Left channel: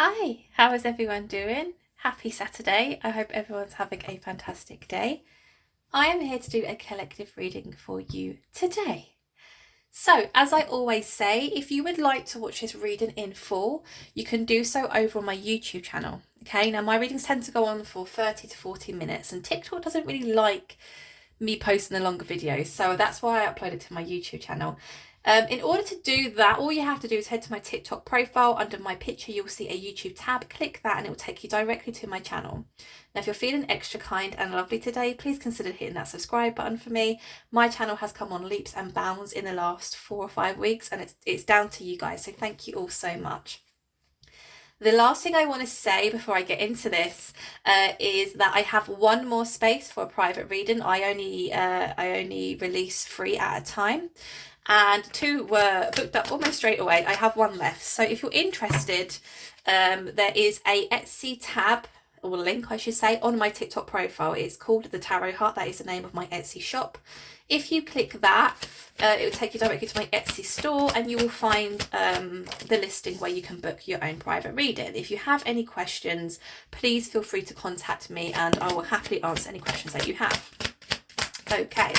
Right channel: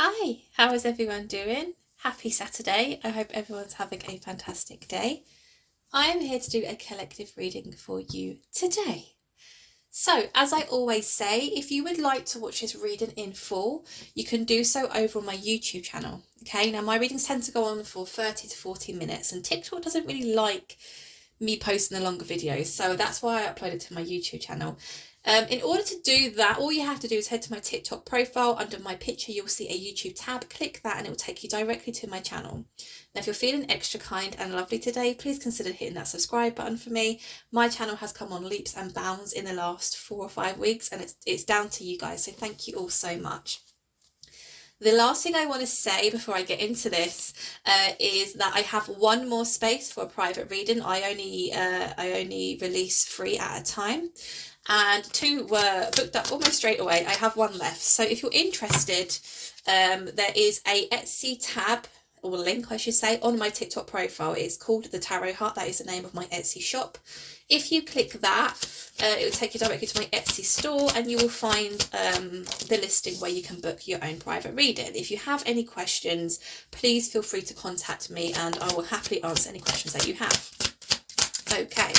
Hi, how is everyone doing? Happy Saturday. I hope everyone's having a fantastic day. I am here to do a collective reading for you today. So, as I always say, if you would like to watch this reading in full, you can do so over on my YouTube channel. Okay, now my readings tend to go on for 30 to 40 minutes, and TikTok doesn't really like me posting the longer videos, so that's why I upload it to my YouTube channel. In order to do that, all you have to do is head to my TikTok profile. Under my picture, you'll see a YouTube tab. Click that and it will take you directly to my channel. Now, if you're feeling extra kind and lovely today, please consider hitting that subscribe button for me. My channel has come on leaps and bounds in the last 4 or 5 weeks, and it's down to you guys, so thank you all so much. The last thing I want to say before I get into this is that I have one more space for a private reading. I only release 3 at a time, and 2 were booked up almost straight away. I have 1 left. So if you're interested, there is a Etsy tab, or link I should say, on my TikTok profile. It's called The Tarot Heart. That is the name of my Etsy shop. If you click that, it will take you directly to my Etsy store, and you will find the listing where you can book your own private reading. If you have any questions, please feel free to contact me and I will happily answer any questions that you have. Okay,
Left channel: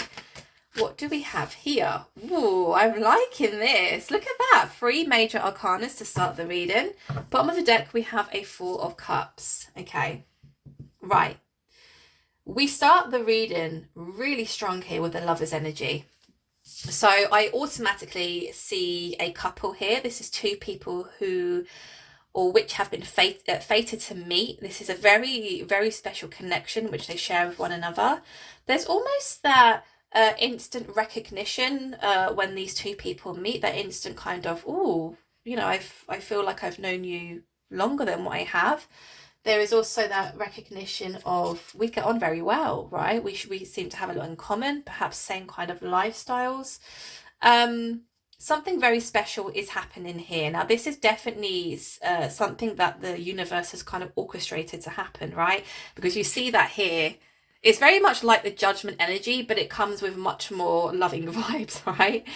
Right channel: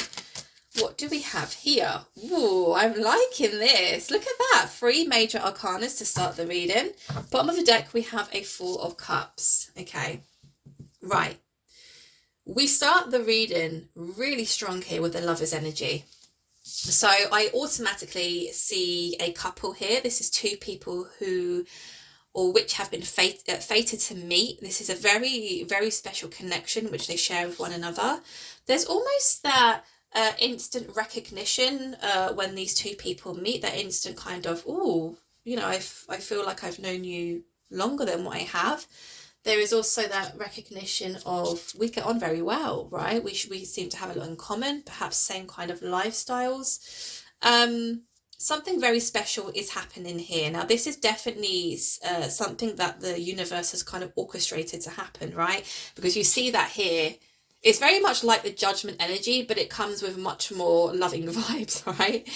what do we have here? Ooh, I'm liking this. Look at that. 3 major arcanas to start the reading. Bottom of the deck, we have a 4 of cups. Okay, right. We start the reading really strong here with the Lover's energy. So I automatically see a couple here. This is 2 people who or which have been fated to meet. This is a very, very special connection which they share with one another. There's almost that instant recognition when these 2 people meet, that instant kind of, oh, you know, I feel like I've known you longer than what I have. There is also that recognition of we get on very well, right? We seem to have a lot in common, perhaps same kind of lifestyles. Something very special is happening here. Now, this is definitely something that the universe has kind of orchestrated to happen, right? Because you see that here. It's very much like the judgment energy, but it comes with much more loving vibes, right?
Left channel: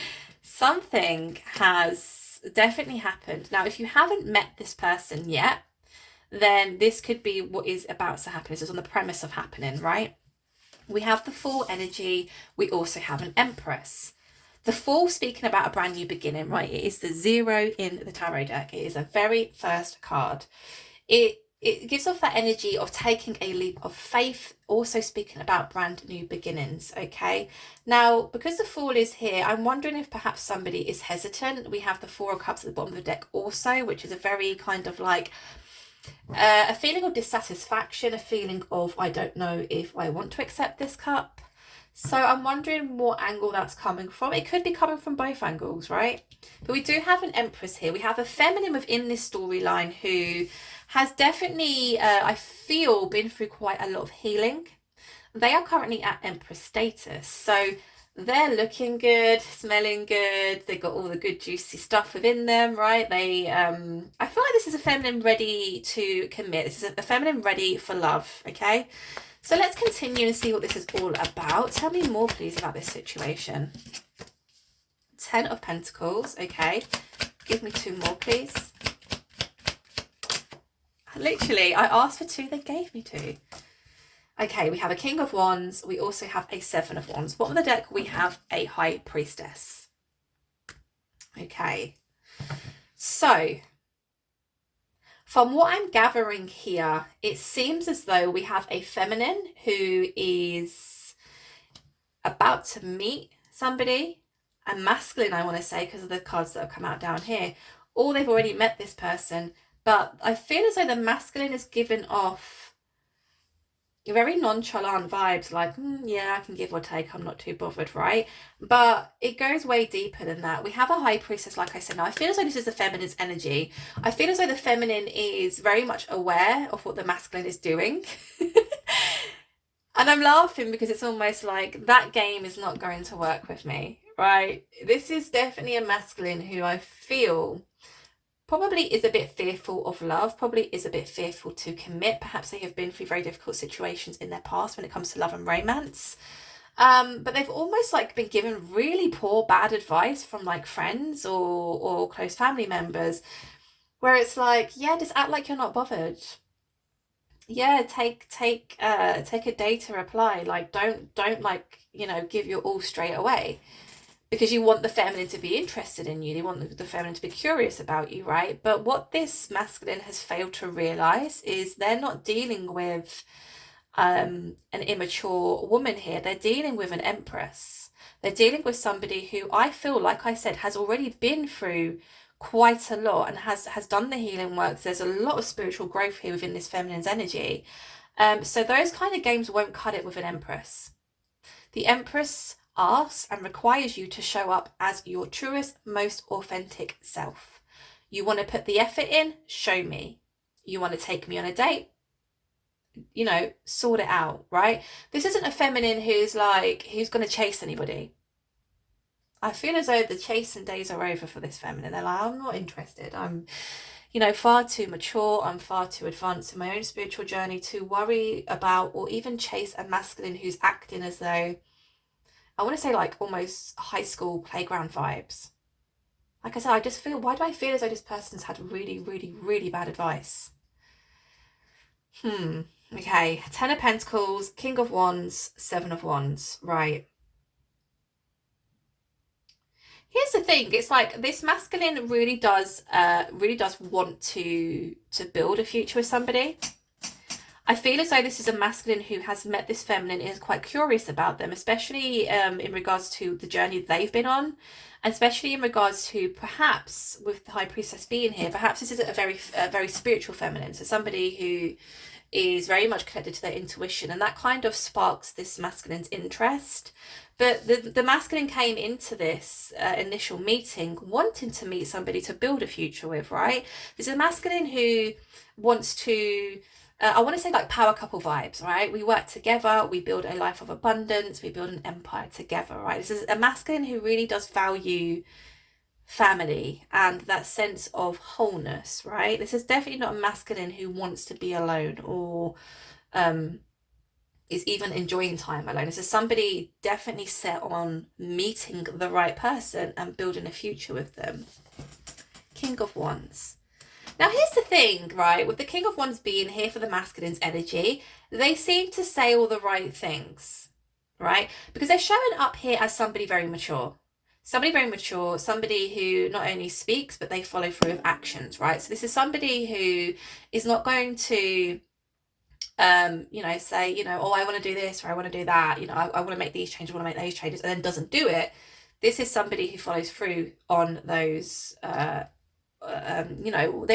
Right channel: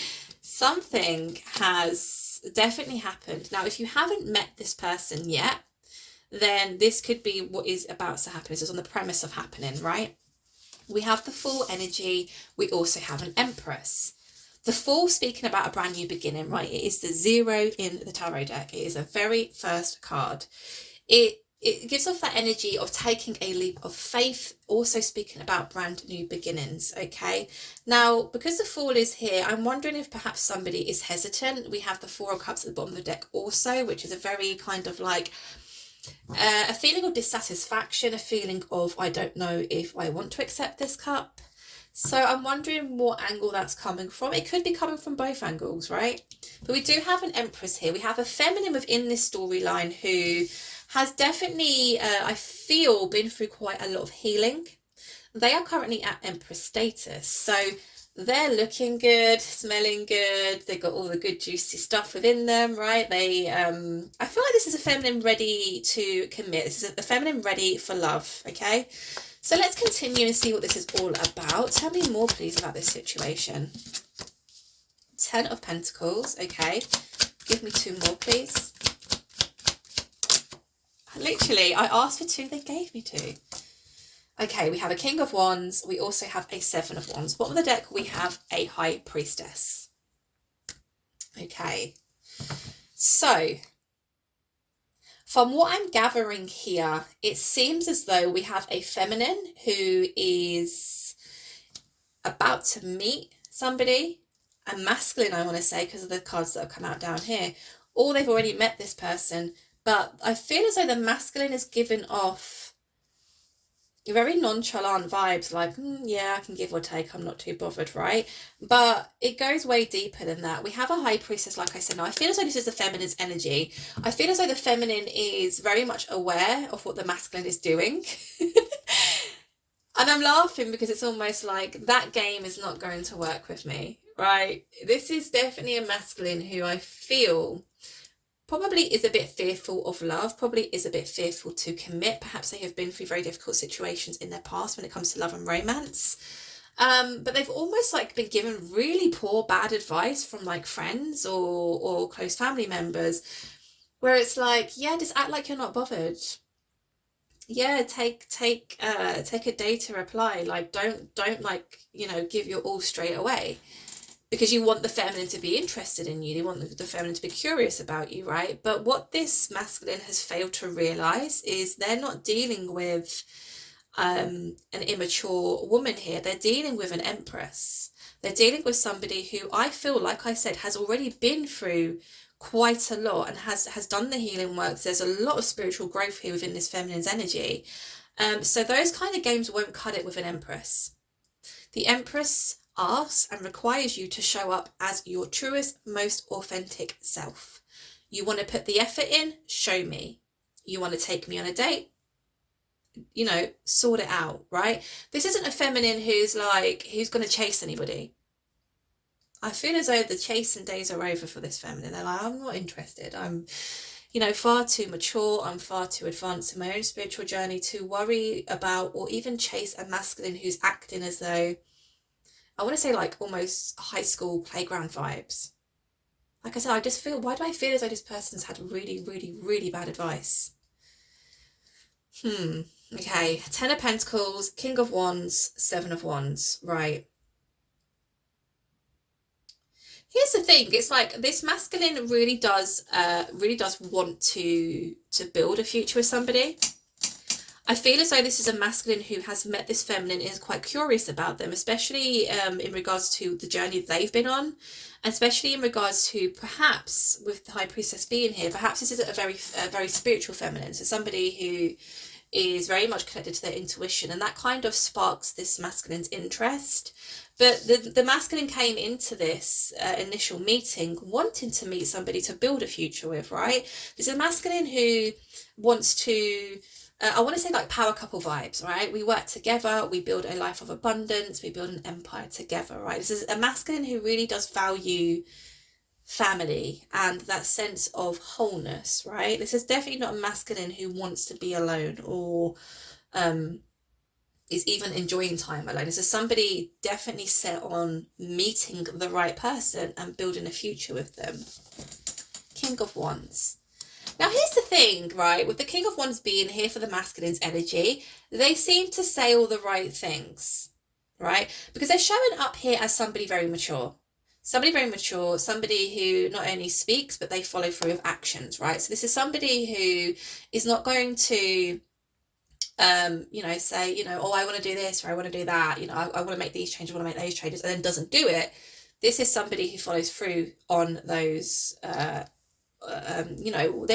Something has definitely happened. Now, if you haven't met this person yet, then this could be what is about to happen. This is on the premise of happening, right? We have the Fool energy. We also have an Empress. The Fool, speaking about a brand new beginning, right? It is the 0 in the tarot deck. It is a very first card. It gives off that energy of taking a leap of faith, also speaking about brand new beginnings, okay? Now, because the Fool is here, I'm wondering if perhaps somebody is hesitant. We have the 4 of Cups at the bottom of the deck also, which is a very kind of like a feeling of dissatisfaction, a feeling of I don't know if I want to accept this cup. So I'm wondering what angle that's coming from. It could be coming from both angles, right? But we do have an Empress here. We have a feminine within this storyline who has definitely, I feel, been through quite a lot of healing. They are currently at Empress status. So they're looking good, smelling good. They've got all the good juicy stuff within them, right? They I feel like this is a feminine ready to commit. This is a feminine ready for love, okay? So let's continue and see what this is all about. Tell me more, please, about this situation. 10 of Pentacles, okay. Give me 2 more, please. Literally, I asked for 2, they gave me 2. Okay, we have a King of Wands. We also have a 7 of Wands. Bottom of the deck, we have a High Priestess. Okay. So, from what I'm gathering here, it seems as though we have a feminine who is about to meet somebody. A masculine, I want to say, because of the cards that have come out down here. Or they've already met this person. But I feel as though the masculine is giving off very nonchalant vibes, like, yeah, I can give or take, I'm not too bothered, right? But it goes way deeper than that. We have a High Priestess, like I said. Now, I feel as though this is the feminine's energy. I feel as though the feminine is very much aware of what the masculine is doing. And I'm laughing because it's almost like that game is not going to work with me, right? This is definitely a masculine who I feel probably is a bit fearful of love, probably is a bit fearful to commit. Perhaps they have been through very difficult situations in their past when it comes to love and romance. But they've almost like been given really poor, bad advice from like friends or close family members, where it's like, yeah, just act like you're not bothered. Yeah, take a day to reply. Like, don't like, give your all straight away, because you want the feminine to be interested in you. They want the feminine to be curious about you, right? But what this masculine has failed to realize is they're not dealing with an immature woman here. They're dealing with an empress. They're dealing with somebody who, I feel, like I said, has already been through quite a lot and has done the healing works. There's a lot of spiritual growth here within this feminine's energy. So those kind of games won't cut it with an empress. The empress asks and requires you to show up as your truest, most authentic self. You want to put the effort in? Show me. You want to take me on a date? Sort it out, right? This isn't a feminine who's going to chase anybody. I feel as though the chasing days are over for this feminine. They're like, I'm not interested. I'm, far too mature. I'm far too advanced in my own spiritual journey to worry about or even chase a masculine who's acting as though, I want to say, like almost high school playground vibes. Like I said, I just feel, why do I feel as though this person's had really, really, really bad advice? Okay, 10 of Pentacles, King of Wands, 7 of Wands, right. Here's the thing, it's like this masculine really does want to build a future with somebody. I feel as though this is a masculine who has met this feminine and is quite curious about them, especially in regards to the journey they've been on, and especially in regards to, perhaps with the High Priestess being here, perhaps this is a very spiritual feminine, so somebody who is very much connected to their intuition, and that kind of sparks this masculine's interest. But the masculine came into this initial meeting wanting to meet somebody to build a future with, right? There's a masculine who wants to, I want to say, like power couple vibes, right? We work together, we build a life of abundance, we build an empire together, right? This is a masculine who really does value family and that sense of wholeness, right? This is definitely not a masculine who wants to be alone or is even enjoying time alone. This is somebody definitely set on meeting the right person and building a future with them. King of Wands. Now here's the thing, right? With the King of Wands being here for the masculine's energy, they seem to say all the right things, right? Because they're showing up here as somebody very mature. Somebody very mature, somebody who not only speaks, but they follow through with actions, right? So this is somebody who is not going to, say, oh, I want to do this or I want to do that, I want to make these changes, I want to make those changes, and then doesn't do it. This is somebody who follows through on those, their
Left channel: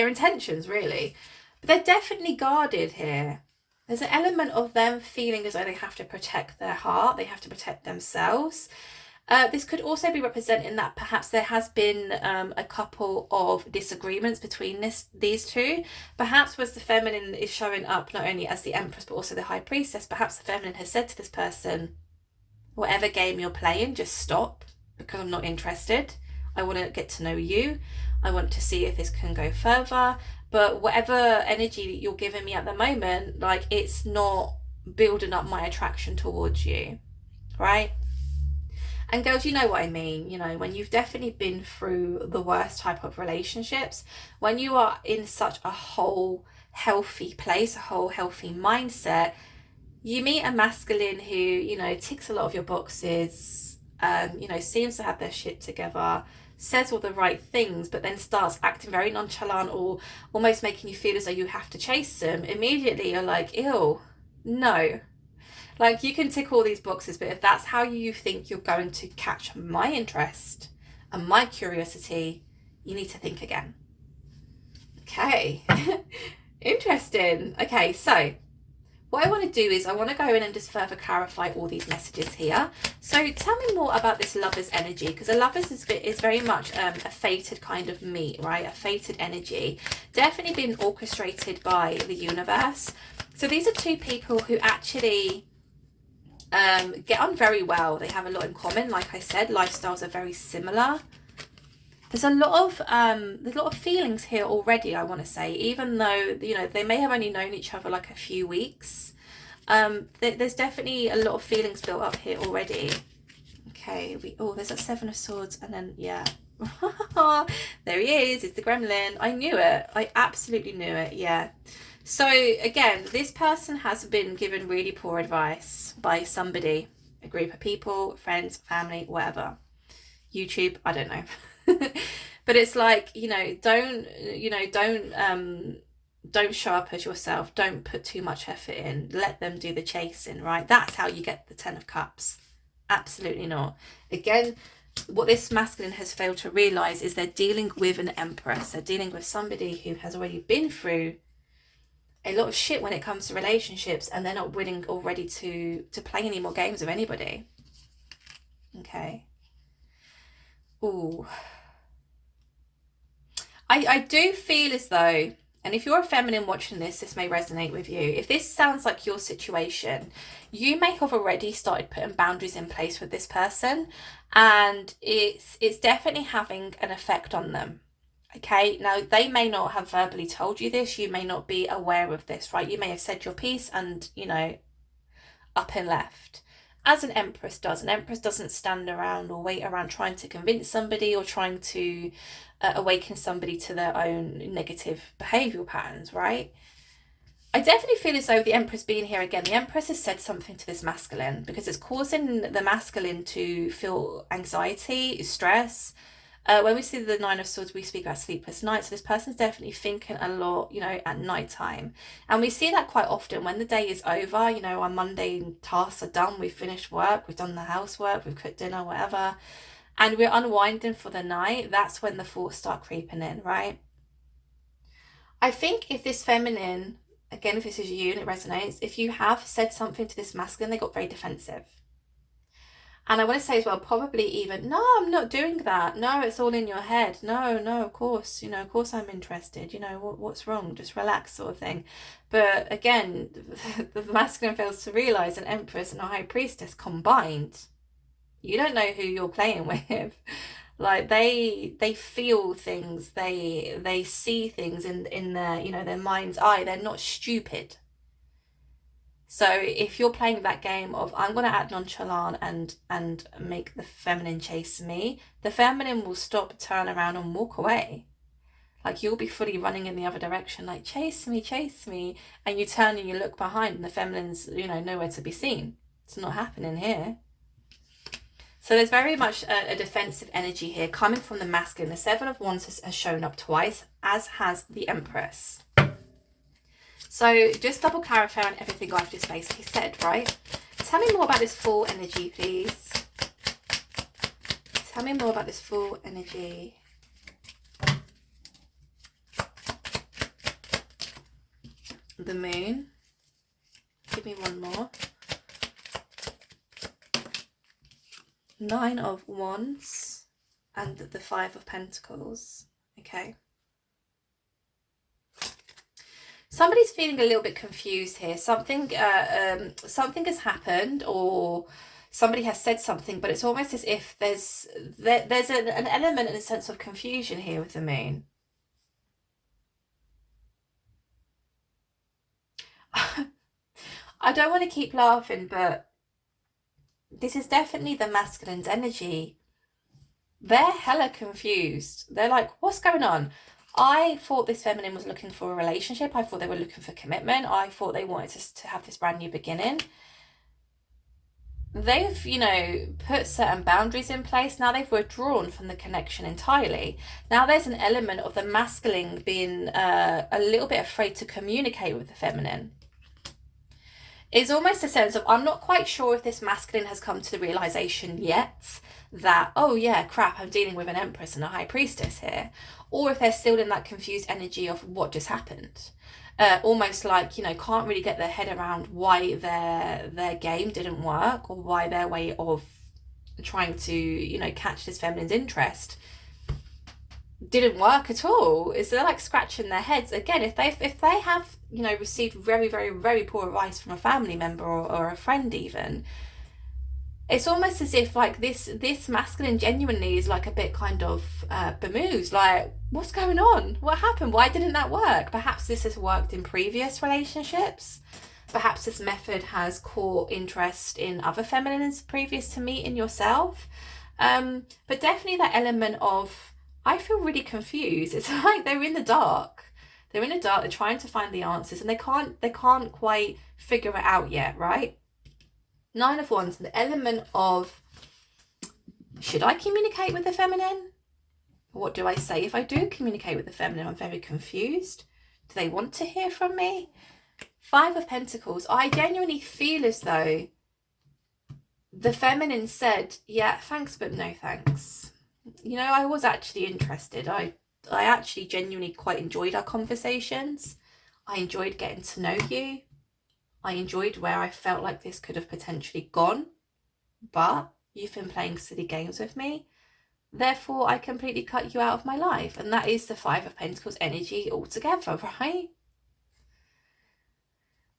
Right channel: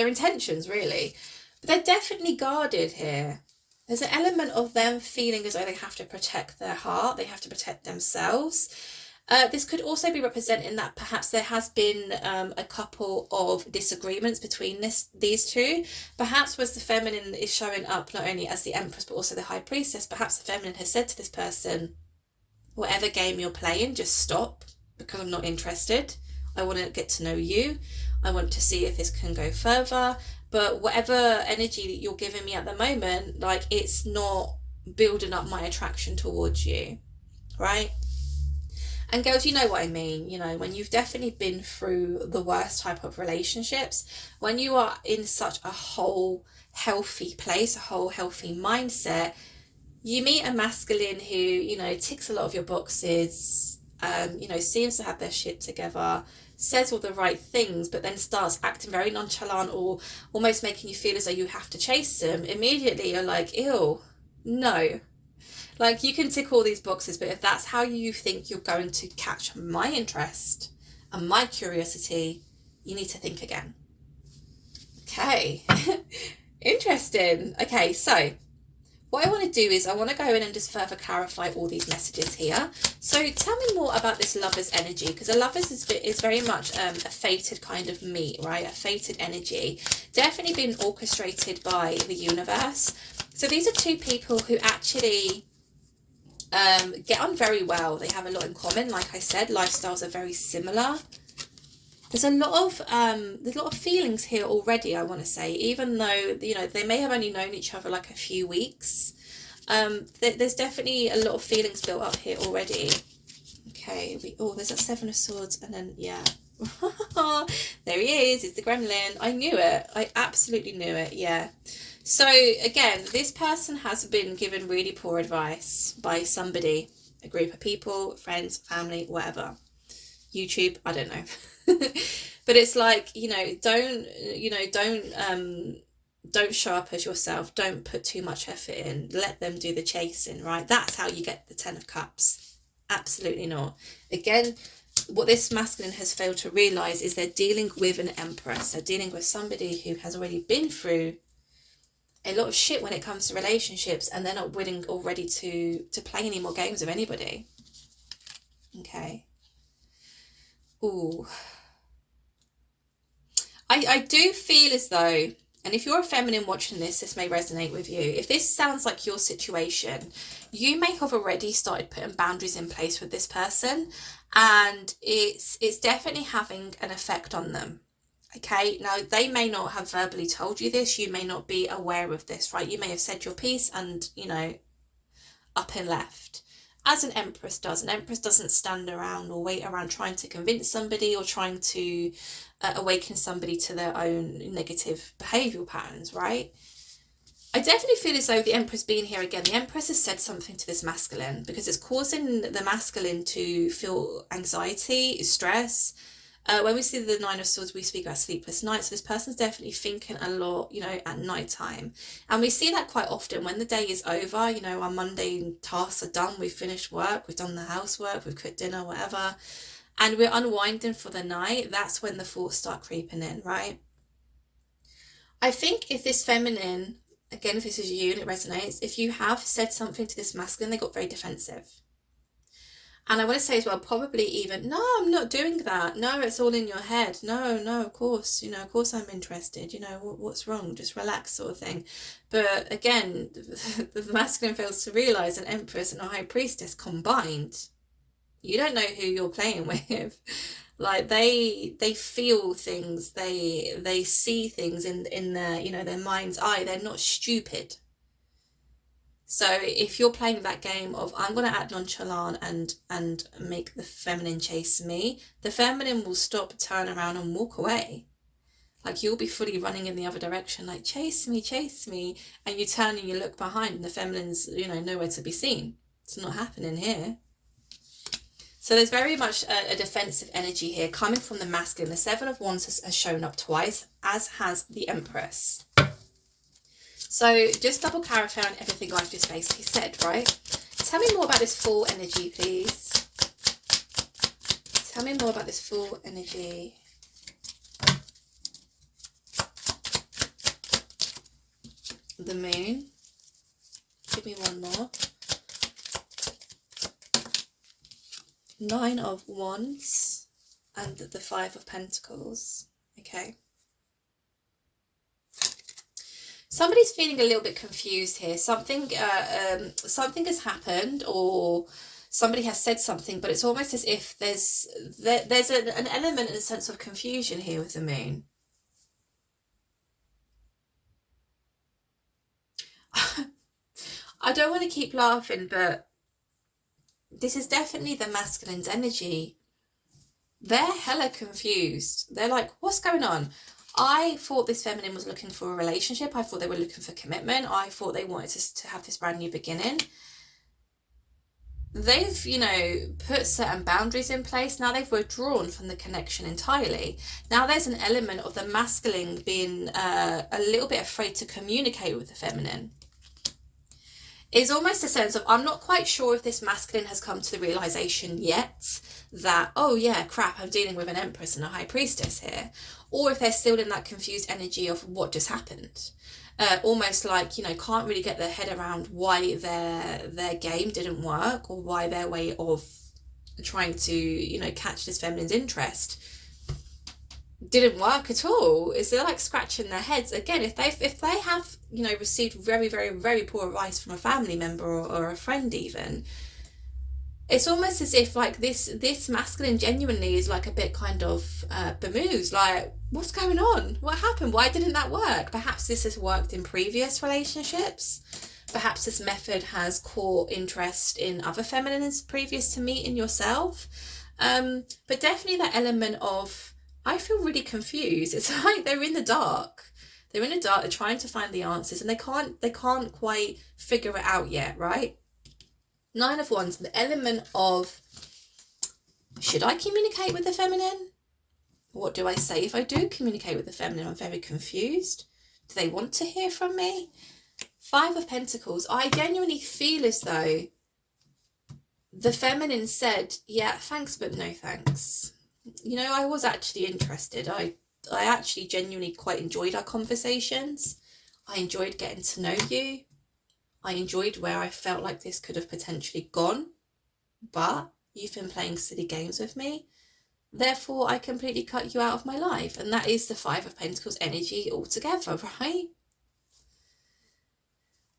intentions, really. But they're definitely guarded here. There's an element of them feeling as though they have to protect their heart, they have to protect themselves. This could also be representing that perhaps there has been a couple of disagreements between these two. Perhaps was the feminine is showing up not only as the Empress but also the High Priestess. Perhaps the feminine has said to this person, whatever game you're playing, just stop, because I'm not interested. I want to get to know you. I want to see if this can go further. But whatever energy that you're giving me at the moment, like, it's not building up my attraction towards you, right? And girls, you know what I mean, when you've definitely been through the worst type of relationships, when you are in such a whole healthy place, a whole healthy mindset, you meet a masculine who, ticks a lot of your boxes, seems to have their shit together, says all the right things, but then starts acting very nonchalant or almost making you feel as though you have to chase them. Immediately you're like, ew, no. Like, you can tick all these boxes, but if that's how you think you're going to catch my interest and my curiosity, you need to think again. Okay. Interesting. Okay, so what I want to do is I want to go in and just further clarify all these messages here. So tell me more about this Lover's energy, because a Lover's is very much a fated kind of meet, right? A fated energy. Definitely been orchestrated by the universe. So these are two people who actually get on very well. They have a lot in common. Like I said, lifestyles are very similar. There's a lot of feelings here already, I want to say, even though, they may have only known each other like a few weeks. There's definitely a lot of feelings built up here already. Okay, there's a 7 of Swords, and then, yeah, There he is. It's the gremlin. I knew it. I absolutely knew it. Yeah. So again, this person has been given really poor advice by somebody, a group of people, friends, family, whatever. YouTube, I don't know. But it's like, don't show up as yourself. Don't put too much effort in. Let them do the chasing, right? That's how you get the 10 of Cups. Absolutely not. Again, what this masculine has failed to realize is they're dealing with an Empress. They're dealing with somebody who has already been through a lot of shit when it comes to relationships, and they're not willing or ready to play any more games with anybody. Okay. Ooh. I do feel as though, and if you're a feminine watching this, this may resonate with you. If this sounds like your situation, you may have already started putting boundaries in place with this person, and it's definitely having an effect on them. Okay, now they may not have verbally told you this, you may not be aware of this, right? You may have said your piece and, up and left. As an Empress does. An Empress doesn't stand around or wait around trying to convince somebody or trying to awaken somebody to their own negative behavioural patterns, right? I definitely feel as though the Empress being here again, the Empress has said something to this masculine because it's causing the masculine to feel anxiety, stress. When we see the Nine of Swords, we speak about sleepless nights. So this person's definitely thinking a lot, at night time. And we see that quite often when the day is over, our mundane tasks are done. We've finished work, we've done the housework, we've cooked dinner, whatever. And we're unwinding for the night. That's when the thoughts start creeping in, right? I think if this feminine, again, if this is you and it resonates, if you have said something to this masculine, they got very defensive. And I want to say as well, probably even, no, I'm not doing that. No, it's all in your head. No, of course, of course I'm interested. What's wrong? Just relax, sort of thing. But again, the masculine fails to realize an Empress and a High Priestess combined. You don't know who you're playing with. Like they feel things, they see things in their, their mind's eye. They're not stupid. So if you're playing that game of I'm going to act nonchalant and make the feminine chase me, the feminine will stop, turn around and walk away. Like you'll be fully running in the other direction, like chase me. And you turn and you look behind and the feminine's, nowhere to be seen. It's not happening here. So there's very much a defensive energy here coming from the masculine. The Seven of Wands has shown up twice, as has the Empress. So just double clarifying everything I've just basically said, right? Tell me more about this Fool energy, please. Tell me more about this Fool energy. The Moon. Give me one more. Nine of Wands and the Five of Pentacles. Okay. Somebody's feeling a little bit confused here. Something has happened, or somebody has said something, but it's almost as if there's an element and a sense of confusion here with the Moon. I don't want to keep laughing, but this is definitely the masculine's energy. They're hella confused. They're like, what's going on? I thought this feminine was looking for a relationship. I thought they were looking for commitment. I thought they wanted to have this brand new beginning. They've, put certain boundaries in place. Now they've withdrawn from the connection entirely. Now there's an element of the masculine being a little bit afraid to communicate with the feminine. It's almost a sense of, I'm not quite sure if this masculine has come to the realization yet that, oh yeah, crap, I'm dealing with an Empress and a High Priestess here. Or if they're still in that confused energy of what just happened. Almost like, can't really get their head around why their game didn't work, or why their way of trying to, catch this feminine's interest didn't work at all. Is they're like scratching their heads. Again, if they have, received very, very, very poor advice from a family member or a friend even, it's almost as if like this masculine genuinely is like a bit kind of bemused, like, what's going on? What happened? Why didn't that work? Perhaps this has worked in previous relationships. Perhaps this method has caught interest in other feminines previous to meeting yourself. But definitely that element of I feel really confused. It's like they're in the dark. They're in the dark, they're trying to find the answers, and they can't quite figure it out yet, right? Nine of Wands, the element of, should I communicate with the feminine? What do I say if I do communicate with the feminine? I'm very confused. Do they want to hear from me? Five of Pentacles. I genuinely feel as though the feminine said, yeah, thanks, but no thanks. You know, I was actually interested. I actually genuinely quite enjoyed our conversations. I enjoyed getting to know you. I enjoyed where I felt like this could have potentially gone, but you've been playing silly games with me. Therefore, I completely cut you out of my life. And that is the Five of Pentacles energy altogether, right?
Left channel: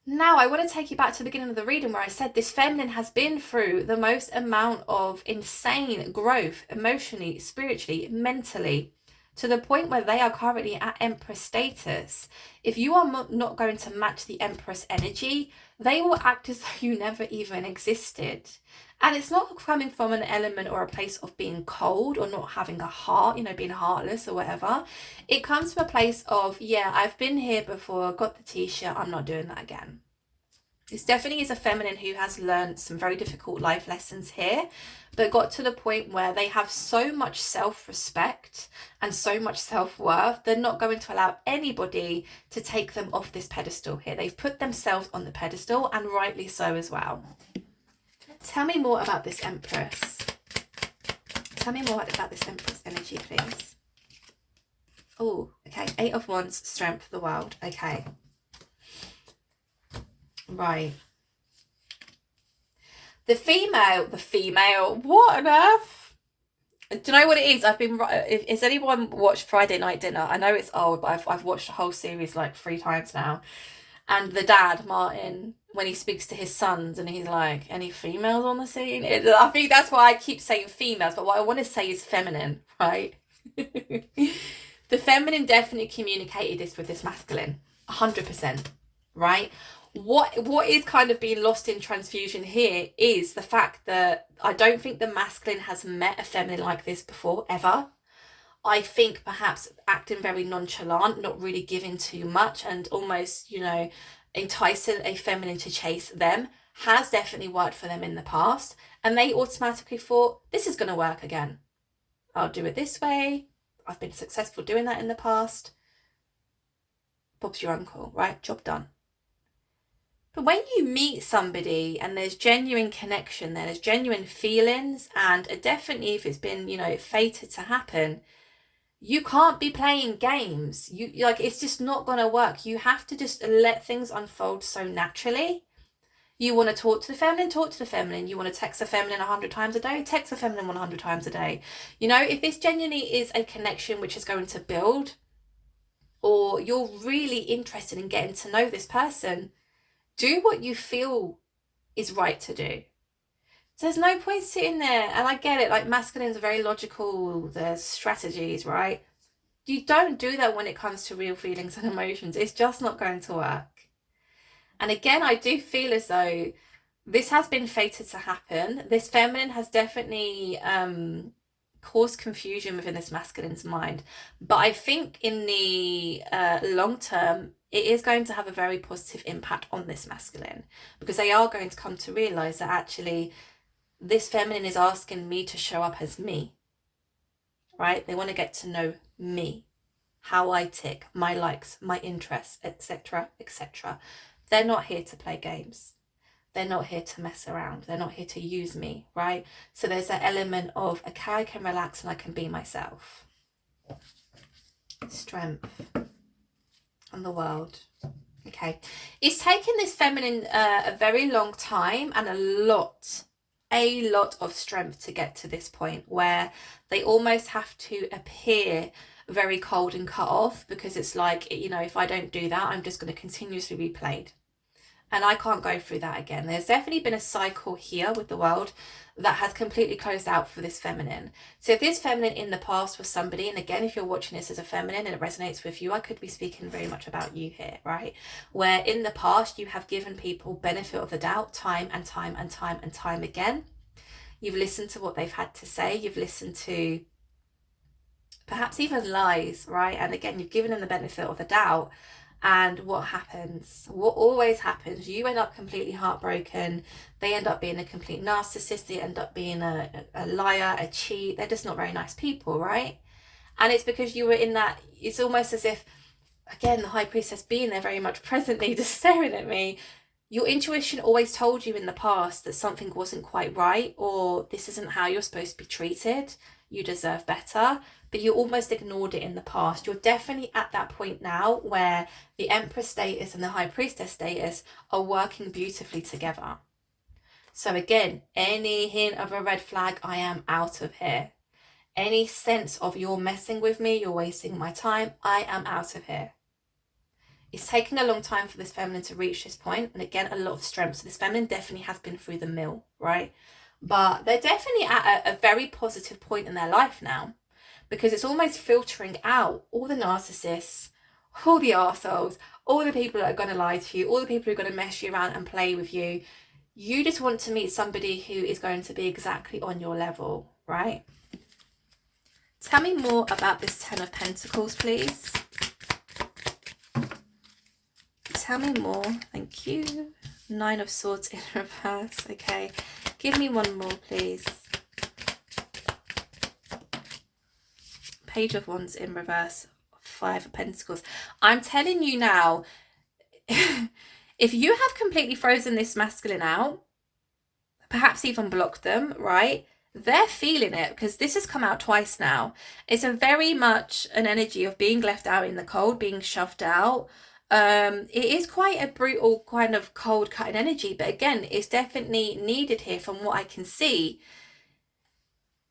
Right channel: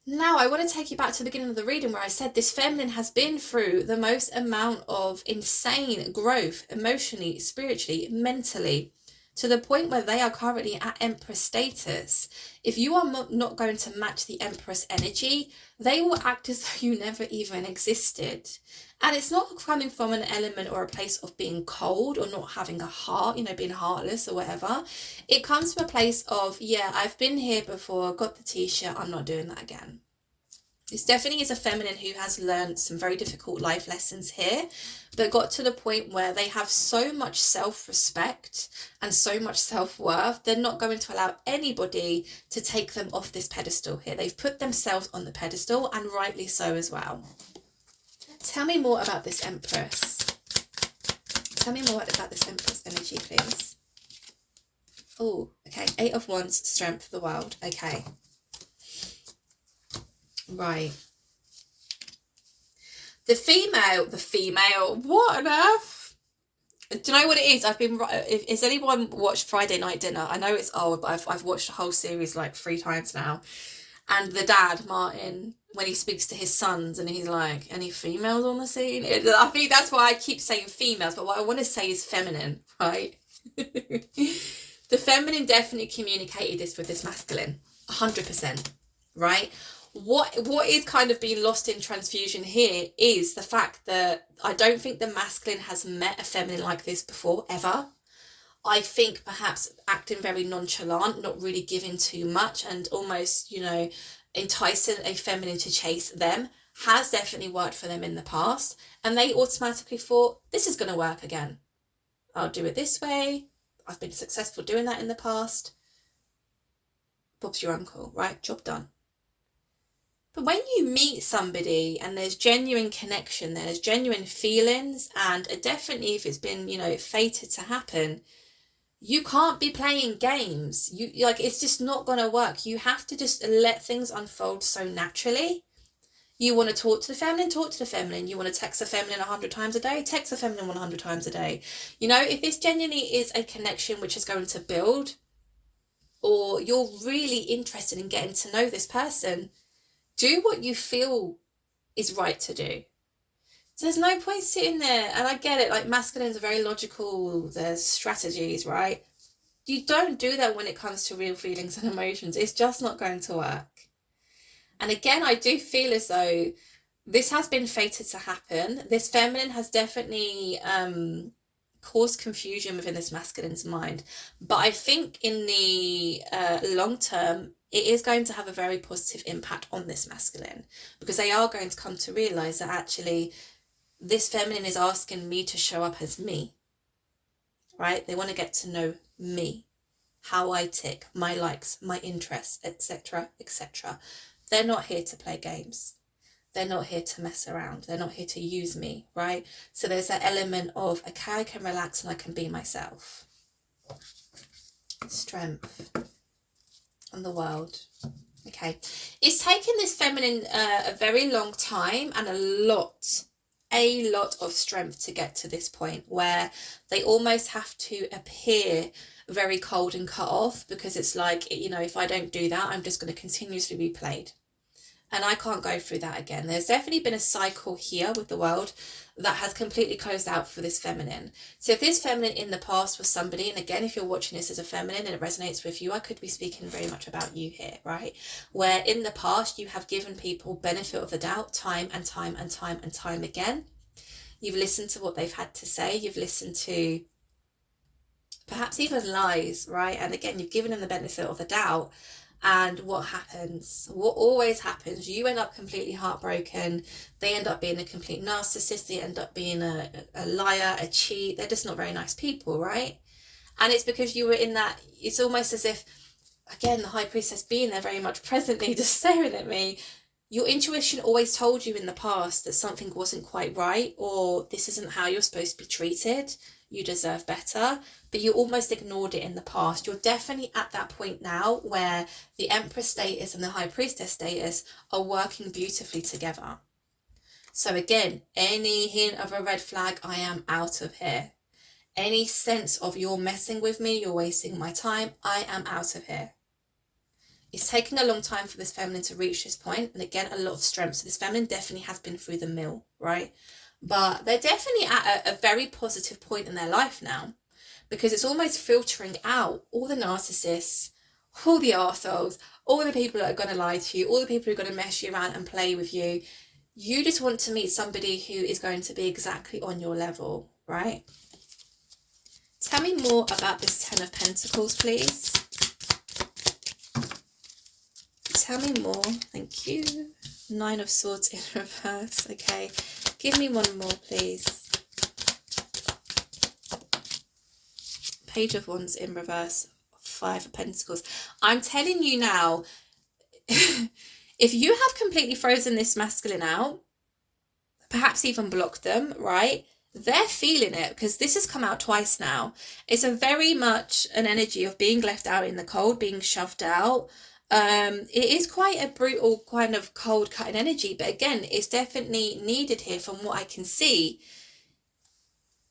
Now, I want to take you back to the beginning of the reading where I said this feminine has been through the most amount of insane growth emotionally, spiritually, mentally, to the point where they are currently at Empress status. If you are not going to match the Empress energy, they will act as though you never even existed. And it's not coming from an element or a place of being cold or not having a heart, you know, being heartless or whatever. It comes from a place of, yeah, I've been here before, got the t-shirt, I'm not doing that again. This definitely is a feminine who has learned some very difficult life lessons here, but got to the point where they have so much self-respect and so much self-worth, they're not going to allow anybody to take them off this pedestal here. They've put themselves on the pedestal, and rightly so as well. Tell me more about this Empress. Tell me more about this Empress energy, please. Oh, okay. Eight of Wands, strength of the world. Okay. Right. The female, what on earth? Do you know what it is? Has anyone watched Friday Night Dinner? I know it's old, but I've watched the whole series like 3 times now. And the dad, Martin, when he speaks to his sons and he's like, any females on the scene? I think that's why I keep saying females, but what I want to say is feminine, right? The feminine definitely communicated this with this masculine, 100%, right? What is kind of being lost in transfusion here is the fact that I don't think the masculine has met a feminine like this before, ever. I think perhaps acting very nonchalant, not really giving too much, and almost, you know, enticing a feminine to chase them has definitely worked for them in the past. And they automatically thought, this is going to work again. I'll do it this way. I've been successful doing that in the past. Bob's your uncle, right? Job done. But when you meet somebody and there's genuine connection, there's genuine feelings, and definitely if it's been, you know, fated to happen, you can't be playing games. You like, it's just not going to work. You have to just let things unfold so naturally. You want to talk to the feminine, talk to the feminine. You want to text the feminine 100 times a day, text the feminine 100 times a day. You know, if this genuinely is a connection which is going to build, or you're really interested in getting to know this person, do what you feel is right to do. So there's no point sitting there, and I get it, like masculines are very logical, there's strategies, right? You don't do that when it comes to real feelings and emotions. It's just not going to work. And again, I do feel as though this has been fated to happen. This feminine has definitely caused confusion within this masculine's mind. But I think in the long term, it is going to have a very positive impact on this masculine, because they are going to come to realise that actually this feminine is asking me to show up as me, right? They want to get to know me, how I tick, my likes, my interests, etc., etc. They're not here to play games. They're not here to mess around. They're not here to use me, right? So there's that element of, okay, I can relax and I can be myself. Strength and the world. Okay. It's taken this feminine a very long time and a lot of strength to get to this point where they almost have to appear very cold and cut off, because it's like, you know, if I don't do that, I'm just going to continuously be played. And I can't go through that again. There's definitely been a cycle here with the world that has completely closed out for this feminine. So if this feminine in the past was somebody, and again, if you're watching this as a feminine and it resonates with you, I could be speaking very much about you here, right? Where in the past you have given people benefit of the doubt time and time and time and time again. You've listened to what they've had to say. You've listened to perhaps even lies, right? And again, you've given them the benefit of the doubt. And what happens? What always happens? You end up completely heartbroken. They end up being a complete narcissist. They end up being a liar, a cheat. They're just not very nice people, right? And it's because you were in that, it's almost as if, again, the high priestess being there very much presently, just staring at me. Your intuition always told you in the past that something wasn't quite right, or this isn't how you're supposed to be treated. You deserve better. But you almost ignored it in the past. You're definitely at that point now where the Empress status and the High Priestess status are working beautifully together. So again, any hint of a red flag, I am out of here. Any sense of you're messing with me, you're wasting my time, I am out of here. It's taking a long time for this feminine to reach this point, and again, a lot of strength. So this feminine definitely has been through the mill, right? But they're definitely at a very positive point in their life now, because it's almost filtering out all the narcissists, all the arseholes, all the people that are going to lie to you, all the people who are going to mess you around and play with you. You just want to meet somebody who is going to be exactly on your level, right? Tell me more about this Ten of Pentacles, please. Tell me more. Thank you. Nine of Swords in reverse. Okay. Give me one more, please. Page of Wands in reverse. Five of Pentacles. I'm telling you now, if you have completely frozen this masculine out, perhaps even blocked them, right? They're feeling it, because this has come out twice now. It's a very much an energy of being left out in the cold, being shoved out. It is quite a brutal kind of cold cutting energy, but again, it's definitely needed here from what I can see,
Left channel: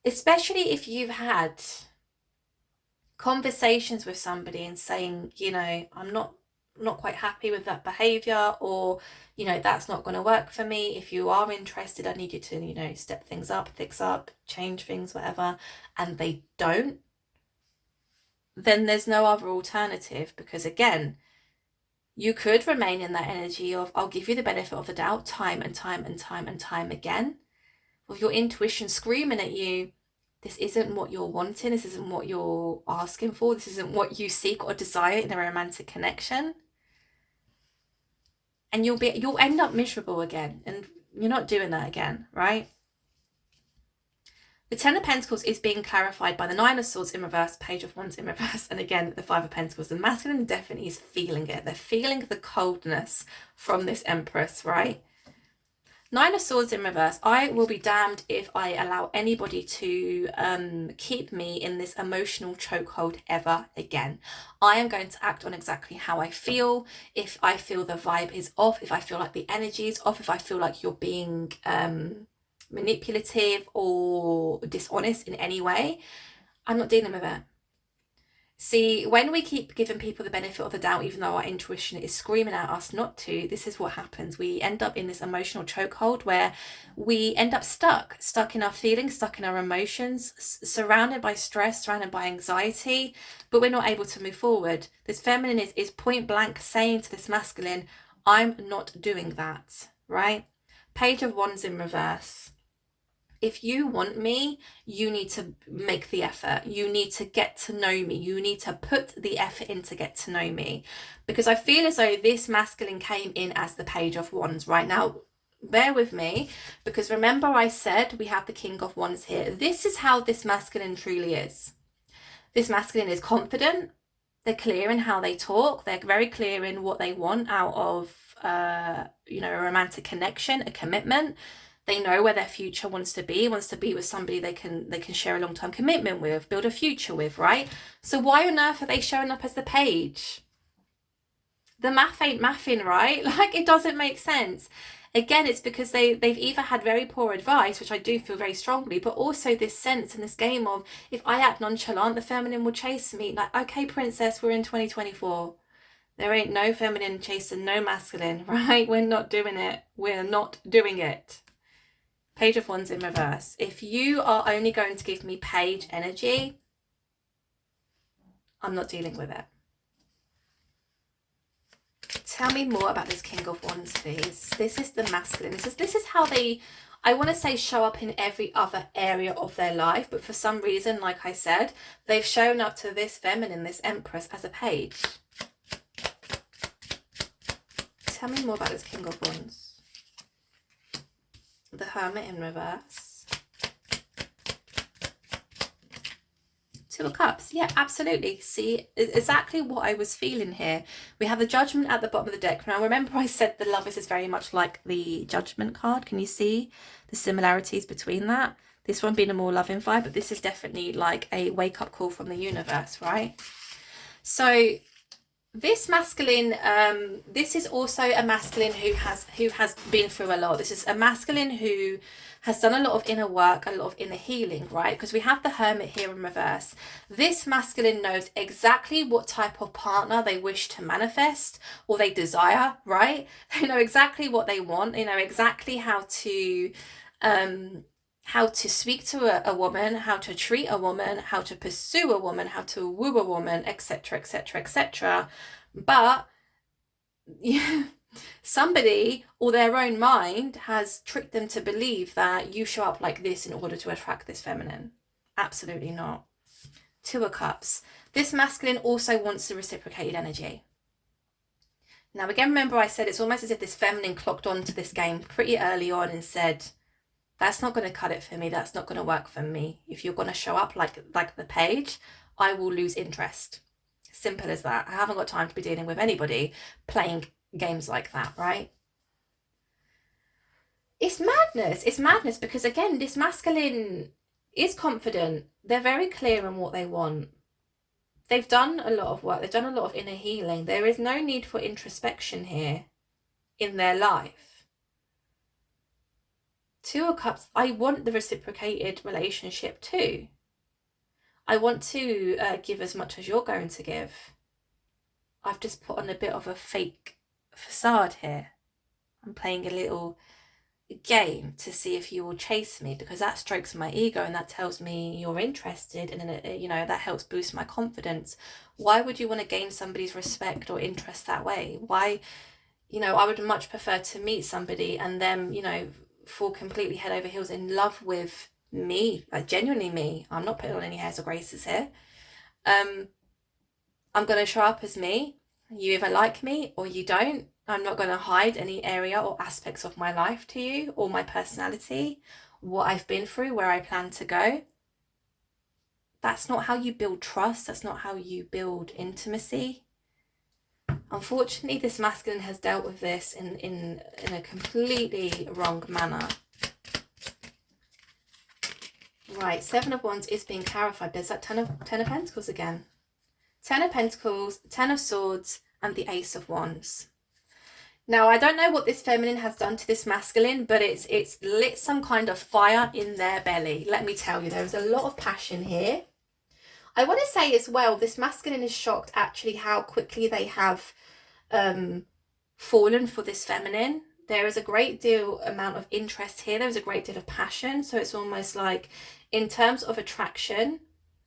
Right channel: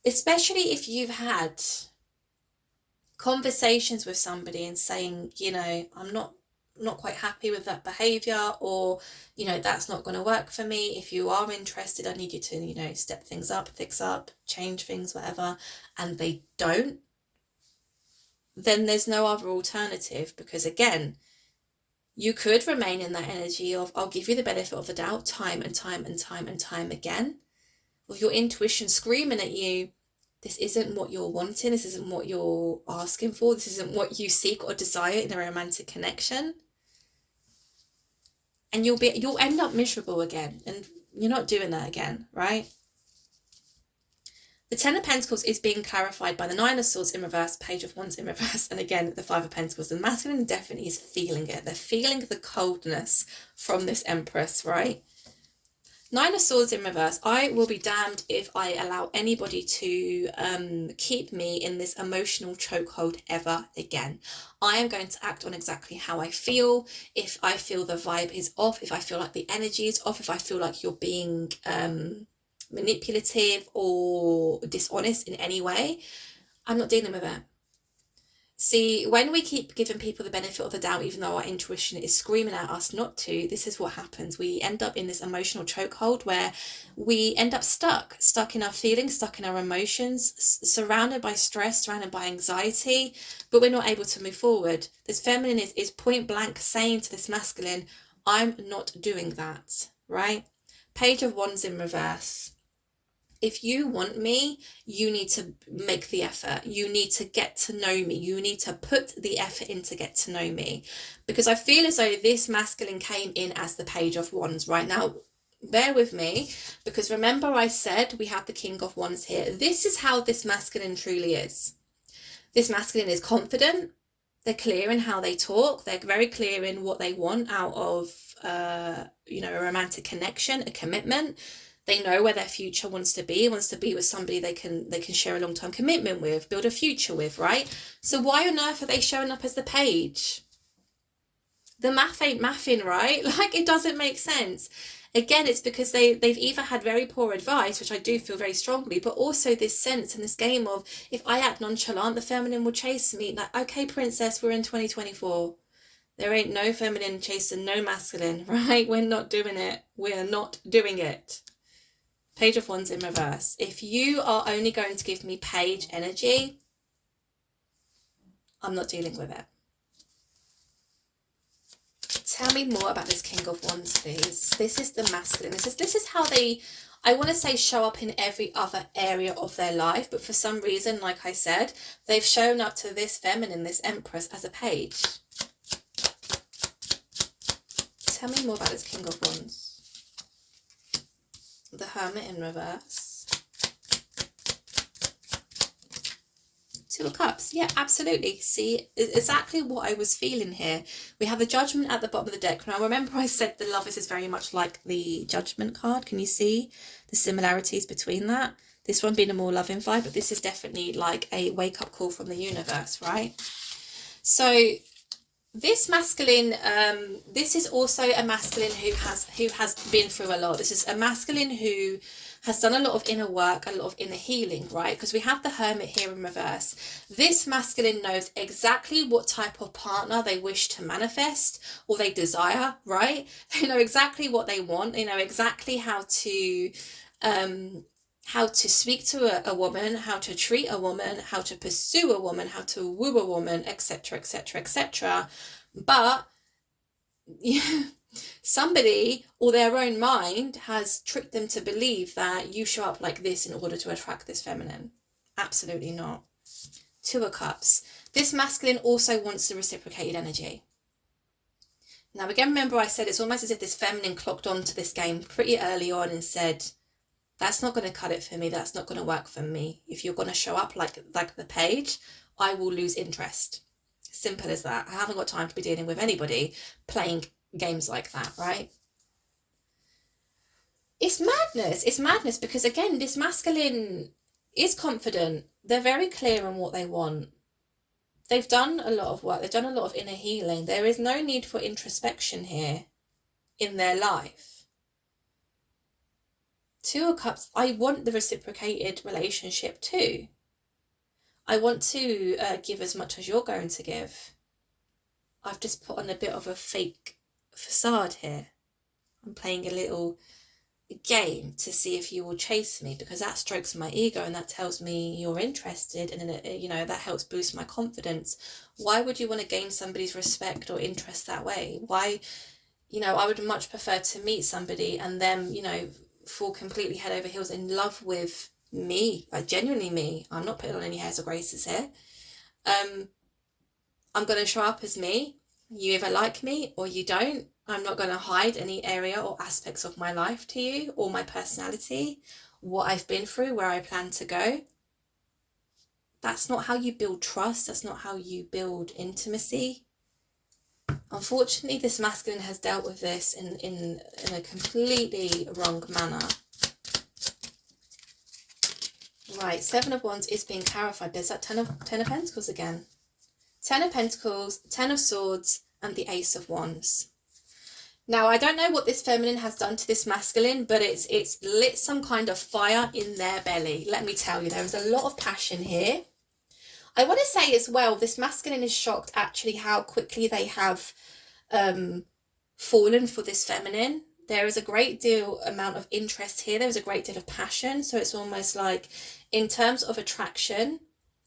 especially if you've had conversations with somebody and saying, you know, I'm not quite happy with that behavior, or, you know, that's not going to work for me. If you are interested, I need you to, you know, step things up, fix up, change things, whatever, and they don't, then there's no other alternative, because again, you could remain in that energy of, I'll give you the benefit of the doubt time and time and time and time again, with your intuition screaming at you, this isn't what you're wanting, this isn't what you're asking for, this isn't what you seek or desire in a romantic connection. And you'll end up miserable again, and you're not doing that again, right? The Ten of Pentacles is being clarified by the Nine of Swords in reverse, Page of Wands in reverse, and again, the Five of Pentacles. The masculine definitely is feeling it. They're feeling the coldness from this Empress, right? Nine of Swords in reverse. I will be damned if I allow anybody to keep me in this emotional chokehold ever again. I am going to act on exactly how I feel. If I feel the vibe is off, if I feel like the energy is off, if I feel like you're being manipulative or dishonest in any way, I'm not dealing with it. See, when we keep giving people the benefit of the doubt, even though our intuition is screaming at us not to, this is what happens. We end up in this emotional chokehold where we end up stuck in our feelings, stuck in our emotions, surrounded by stress, surrounded by anxiety, but we're not able to move forward. This feminine is point blank saying to this masculine, I'm not doing that, right? Page of Wands in reverse. If you want me, you need to make the effort. You need to get to know me. You need to put the effort in to get to know me. Because I feel as though this masculine came in as the Page of Wands. Right now, bear with me, because remember I said we have the King of Wands here. This is how this masculine truly is. This masculine is confident. They're clear in how they talk. They're very clear in what they want out of, you know, a romantic connection, a commitment. They know where their future wants to be with somebody they can share a long-term commitment with, build a future with, right? So why on earth are they showing up as the Page? The math ain't mathing, right? Like, it doesn't make sense. Again, it's because they've either had very poor advice, which I do feel very strongly, but also this sense and this game of, if I act nonchalant, the feminine will chase me. Like, okay, princess, we're in 2024. There ain't no feminine chasing no masculine, right? We're not doing it. We're not doing it. Page of Wands in reverse. If you are only going to give me Page energy, I'm not dealing with it. Tell me more about this King of Wands, please. This is the masculine. This is how they I want to say show up in every other area of their life, but for some reason, like I said, they've shown up to this feminine, this Empress, as a page. Tell me more about this King of Wands. The Hermit in reverse. Two of Cups. Yeah, absolutely. See, exactly what I was feeling here. We have the Judgment at the bottom of the deck. Now, remember I said the Lovers is very much like the Judgment card. Can you see the similarities between that? This one being a more loving vibe, but this is definitely like a wake-up call from the universe, right? So this masculine, this is also a masculine who has been through a lot. This is a masculine who has done a lot of inner work, a lot of inner healing, right? Because we have the Hermit here in reverse. This masculine knows exactly what type of partner they wish to manifest or they desire, right? They know exactly what they want. They know exactly how to speak to a woman, how to treat a woman, how to pursue a woman, how to woo a woman, etc., etc., etc. But yeah, somebody or their own mind has tricked them to believe that you show up like this in order to attract this feminine. Absolutely not. Two of Cups. This masculine also wants the reciprocated energy. Now again, remember I said it's almost as if this feminine clocked onto this game pretty early on and said, that's not going to cut it for me. That's not going to work for me. If you're going to show up like the page, I will lose interest. Simple as that. I haven't got time to be dealing with anybody playing games like that, right? It's madness. It's madness because, again, this masculine is confident. They're very clear on what they want. They've done a lot of work. They've done a lot of inner healing. There is no need for introspection here in their life. Two of Cups, I want the reciprocated relationship too. I want to give as much as you're going to give. I've just put on a bit of a fake facade here. I'm playing a little game to see if you will chase me, because that strokes my ego and that tells me you're interested, and then, you know, that helps boost my confidence. Why would you want to gain somebody's respect or interest that way? Why, you know, I would much prefer to meet somebody and them, you know, fall completely head over heels in love with me, like genuinely me. I'm not putting on any airs or graces here. I'm going to show up as me. You either like me or you don't. I'm not going to hide any area or aspects of my life to you, or my personality, what I've been through, where I plan to go. That's not how you build trust. That's not how you build intimacy. Unfortunately, this masculine has dealt with this in a completely wrong manner. Right, Seven of Wands is being clarified. There's that Ten of Pentacles again. Ten of Pentacles, Ten of Swords, and the Ace of Wands. Now, I don't know what this feminine has done to this masculine, but it's lit some kind of fire in their belly. Let me tell you, there is a lot of passion here. I want to say as well, this masculine is shocked actually how quickly they have fallen for this feminine. There is a great deal amount of interest here. There's a great deal of passion. So it's almost like in terms of attraction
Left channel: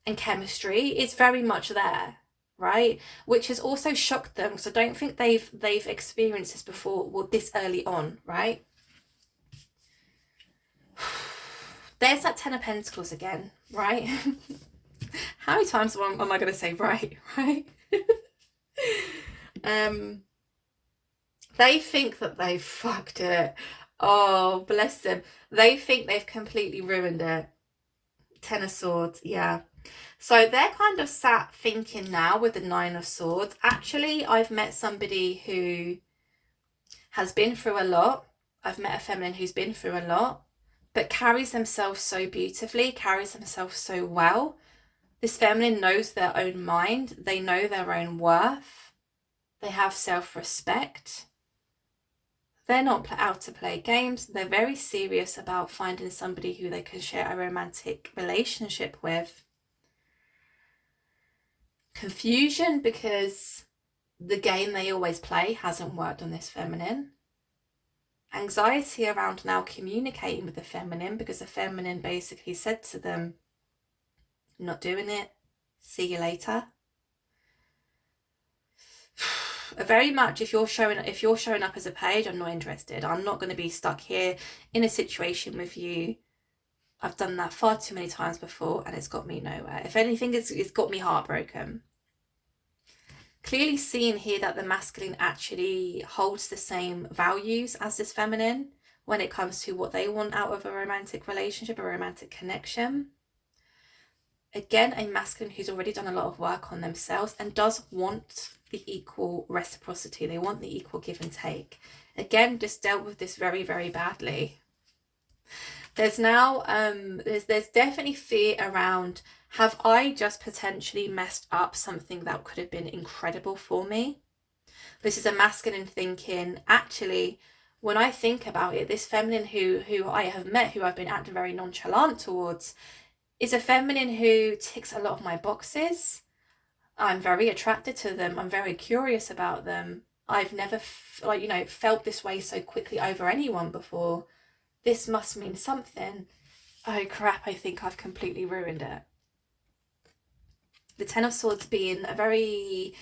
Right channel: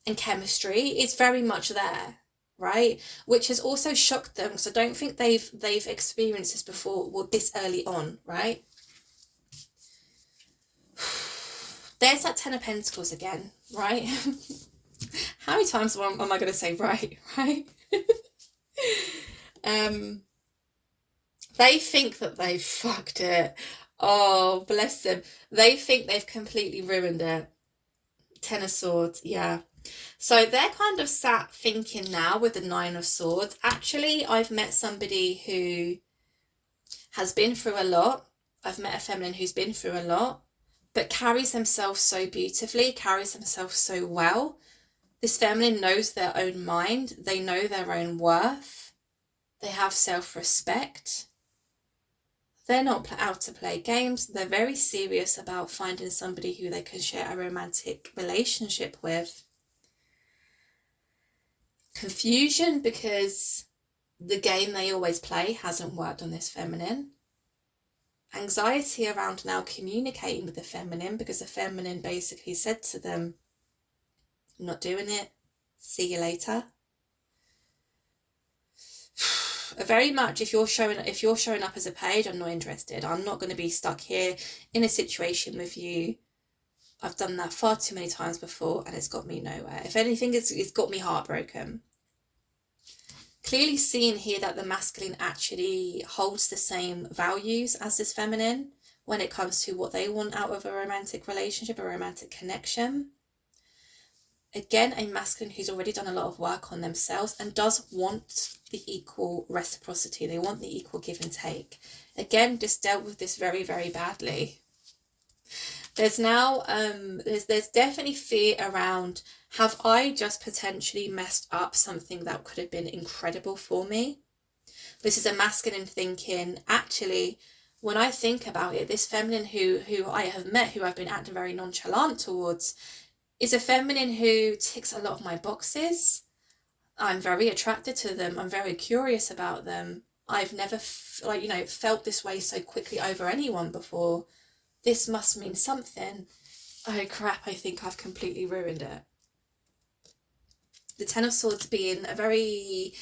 and chemistry, it's very much there, right? Which has also shocked them. So don't think they've experienced this before, well, this early on, right? There's that Ten of Pentacles again, right? How many times am I going to say right? They think that they've fucked it. Oh, bless them. They think they've completely ruined it. Ten of Swords, yeah. So they're kind of sat thinking now with the Nine of Swords. Actually, I've met somebody who has been through a lot. I've met a feminine who's been through a lot, but carries themselves so beautifully, carries themselves so well. This feminine knows their own mind. They know their own worth. They have self-respect. They're not out to play games. They're very serious about finding somebody who they can share a romantic relationship with. Confusion because the game they always play hasn't worked on this feminine. Anxiety around now communicating with the feminine because the feminine basically said to them, not doing it, see you later. very much, if you're showing up as a page, I'm not interested. I'm not going to be stuck here in a situation with you. I've done that far too many times before and it's got me nowhere. If anything, it's got me heartbroken. Clearly seeing here that the masculine actually holds the same values as this feminine when it comes to what they want out of a romantic relationship, a romantic connection. Again, a masculine who's already done a lot of work on themselves and does want the equal reciprocity. They want the equal give and take. Again, just dealt with this very, very badly. There's now, there's definitely fear around, have I just potentially messed up something that could have been incredible for me? This is a masculine thinking, actually, when I think about it, this feminine who I have met, who I've been acting very nonchalant towards, is a feminine who ticks a lot of my boxes. I'm very attracted to them. I'm very curious about them. I've never felt this way so quickly over anyone before. This must mean something. Oh crap, I think I've completely ruined it. The Ten of Swords being a very